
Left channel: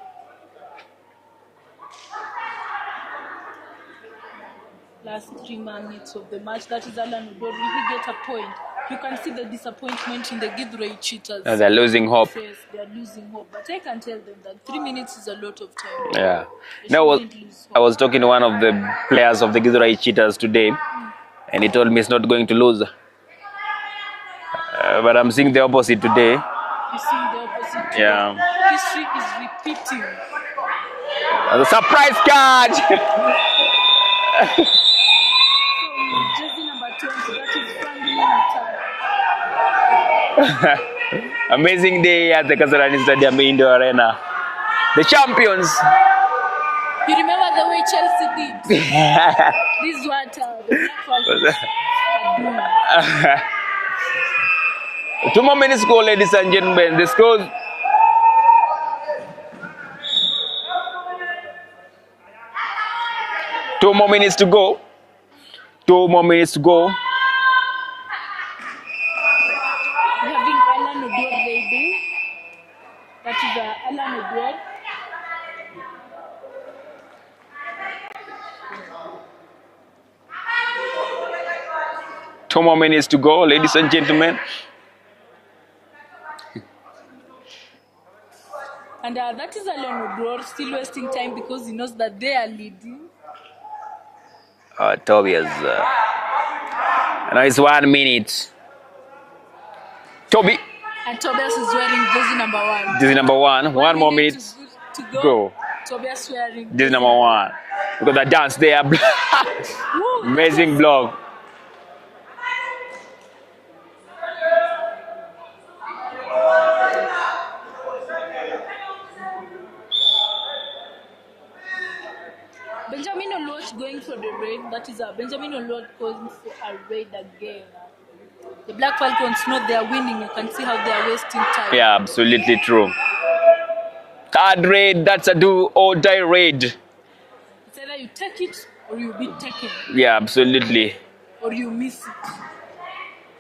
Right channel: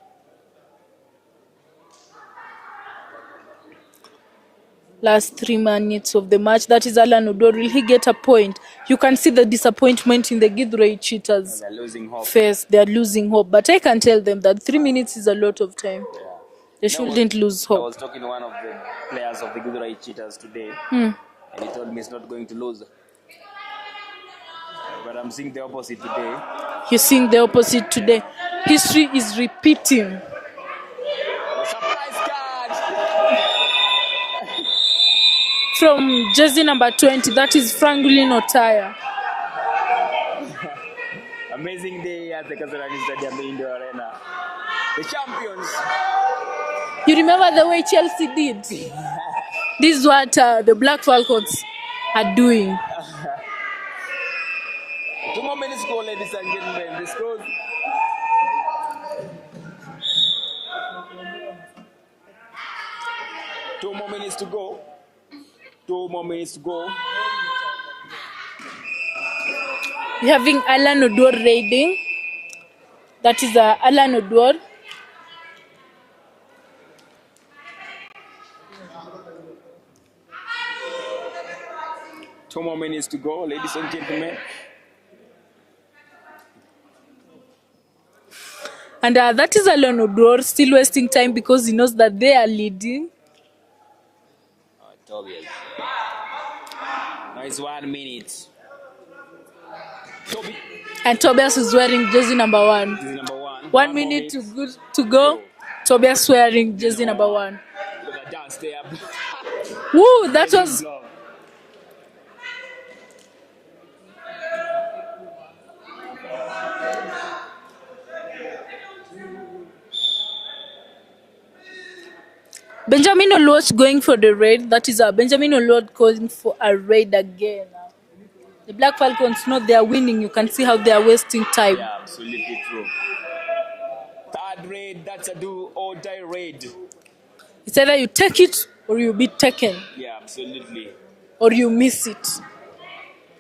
Last 3 minutes of the match. That is Alan Odor. Will he get a point? You can see the disappointment in the Githurai Cheetahs. They're losing hope. Face. They are losing hope. But I can tell them that 3 minutes is a lot of time. Yeah. They shouldn't lose hope. I was talking to one of the players of the Githurai Cheetahs today, and he told me it's not going to lose. But I'm seeing the opposite today. You're seeing the opposite today. Yeah. History is repeating. The surprise catch! From jersey number 20, that is Franklin Otaya. Amazing day at the Kasarani Stadium Indoor Arena. The champions. You remember the way Chelsea did? This is what the Black Falcons are doing. 2 more minutes to go, ladies and gentlemen. The score. Two more minutes to go. 2 more minutes to go. We're having Alan Odor raiding. That is Alan Odor. 2 more minutes to go, ladies and gentlemen. And that is Alon Odor still wasting time because he knows that they are leading. Tobias. Now it's 1 minute. Toby. And Tobias is wearing jersey number 1. Jersey number 1. 1 more minute to go. Tobias wearing jersey number 1. Look at that dance there. Woo, amazing block. Benjamin Oluot going for the raid. That is Benjamin Oluot calling for a raid again. The Black Falcons know they are winning. You can see how they are wasting time. Yeah, absolutely true. Third raid, that's a do or die raid. It's either you take it or you be taken. Yeah, absolutely. Or you miss it.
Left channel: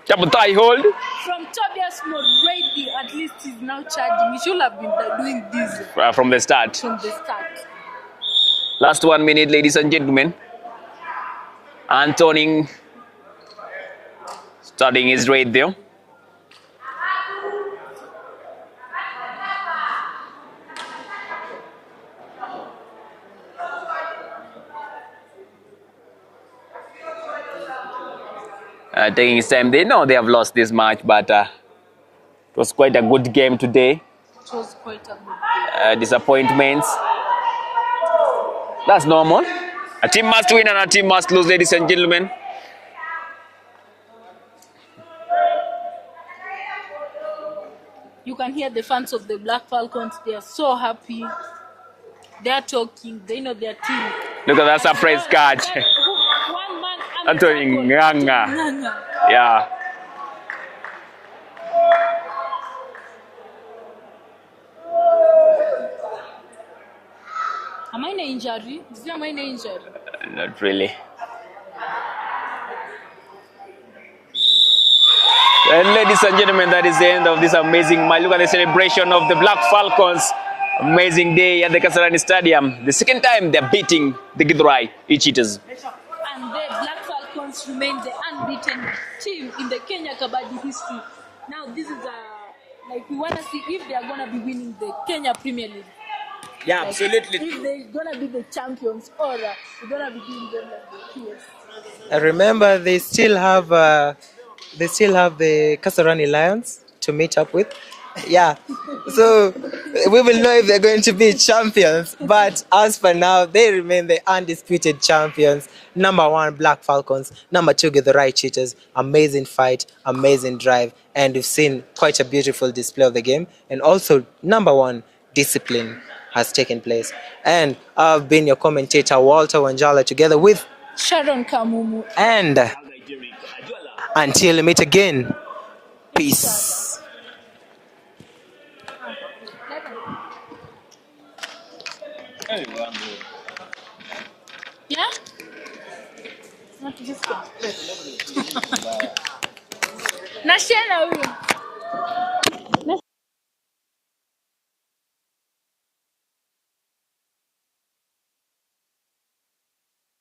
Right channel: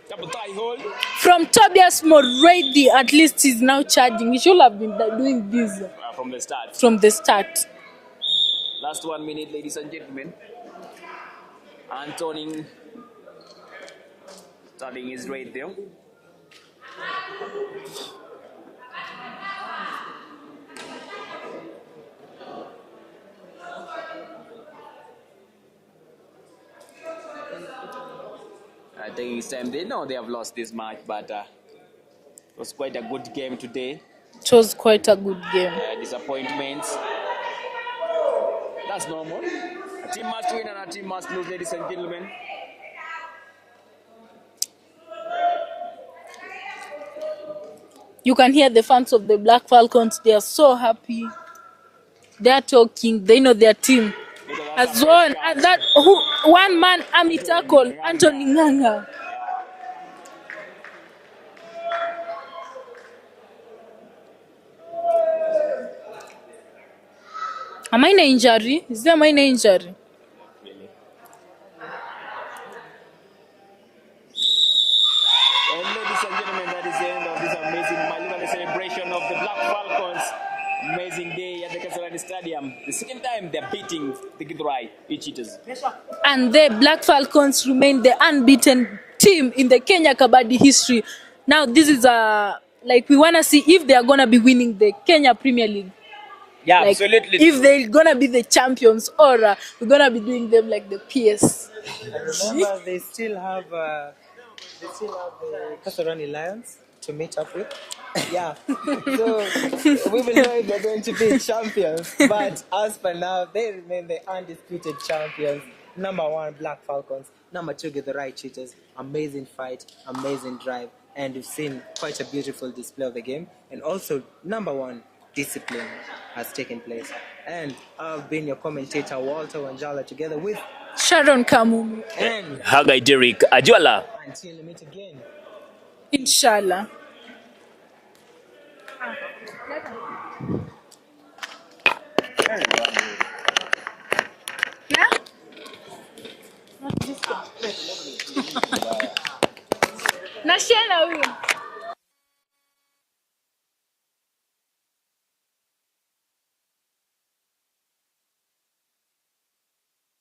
Double tie hold. From Tobias Moredi, at least he's now charging. He should have been doing this. From the start. From the start. Last 1 minute, ladies and gentlemen. Antoning starting his raid there. Taking his time. They know they have lost this match, but it was quite a good game today. It was quite a good game. Disappointments. That's normal. A team must win and a team must lose, ladies and gentlemen. You can hear the fans of the Black Falcons. They are so happy. They are talking. They know their team. Look at that surprise catch. One man, Anthony tackle. Anthony Nganga. Yeah. A minor injury? Is there a minor injury? Not really. And ladies and gentlemen, that is the end of this amazing match. Look at the celebration of the Black Falcons. Amazing day at the Kasarani Stadium. The second time they're beating the Githurai Cheetahs. And the Black Falcons remain the unbeaten team in the Kenya Kabaddi history. Now this is like we want to see if they are going to be winning the Kenya Premier League. Yeah, like, absolutely. If they're going to be the champions or we're going to be doing them like the PS. Remember, they still have the Kasarani Lions to meet up with. Yeah, so we will know if they're going to be champions. But as for now, they remain the undisputed champions. Number 1, Black Falcons. Number 2, Githurai Cheetahs. Amazing fight, amazing drive. And we've seen quite a beautiful display of the game. And also, number 1, discipline has taken place. And I've been your commentator, Walter Wanjala, together with Sharon Kamumu and Hagai Derek Ajwala. Until we meet again. Peace. Inshallah. Yeah? What is this? Nashana huyo.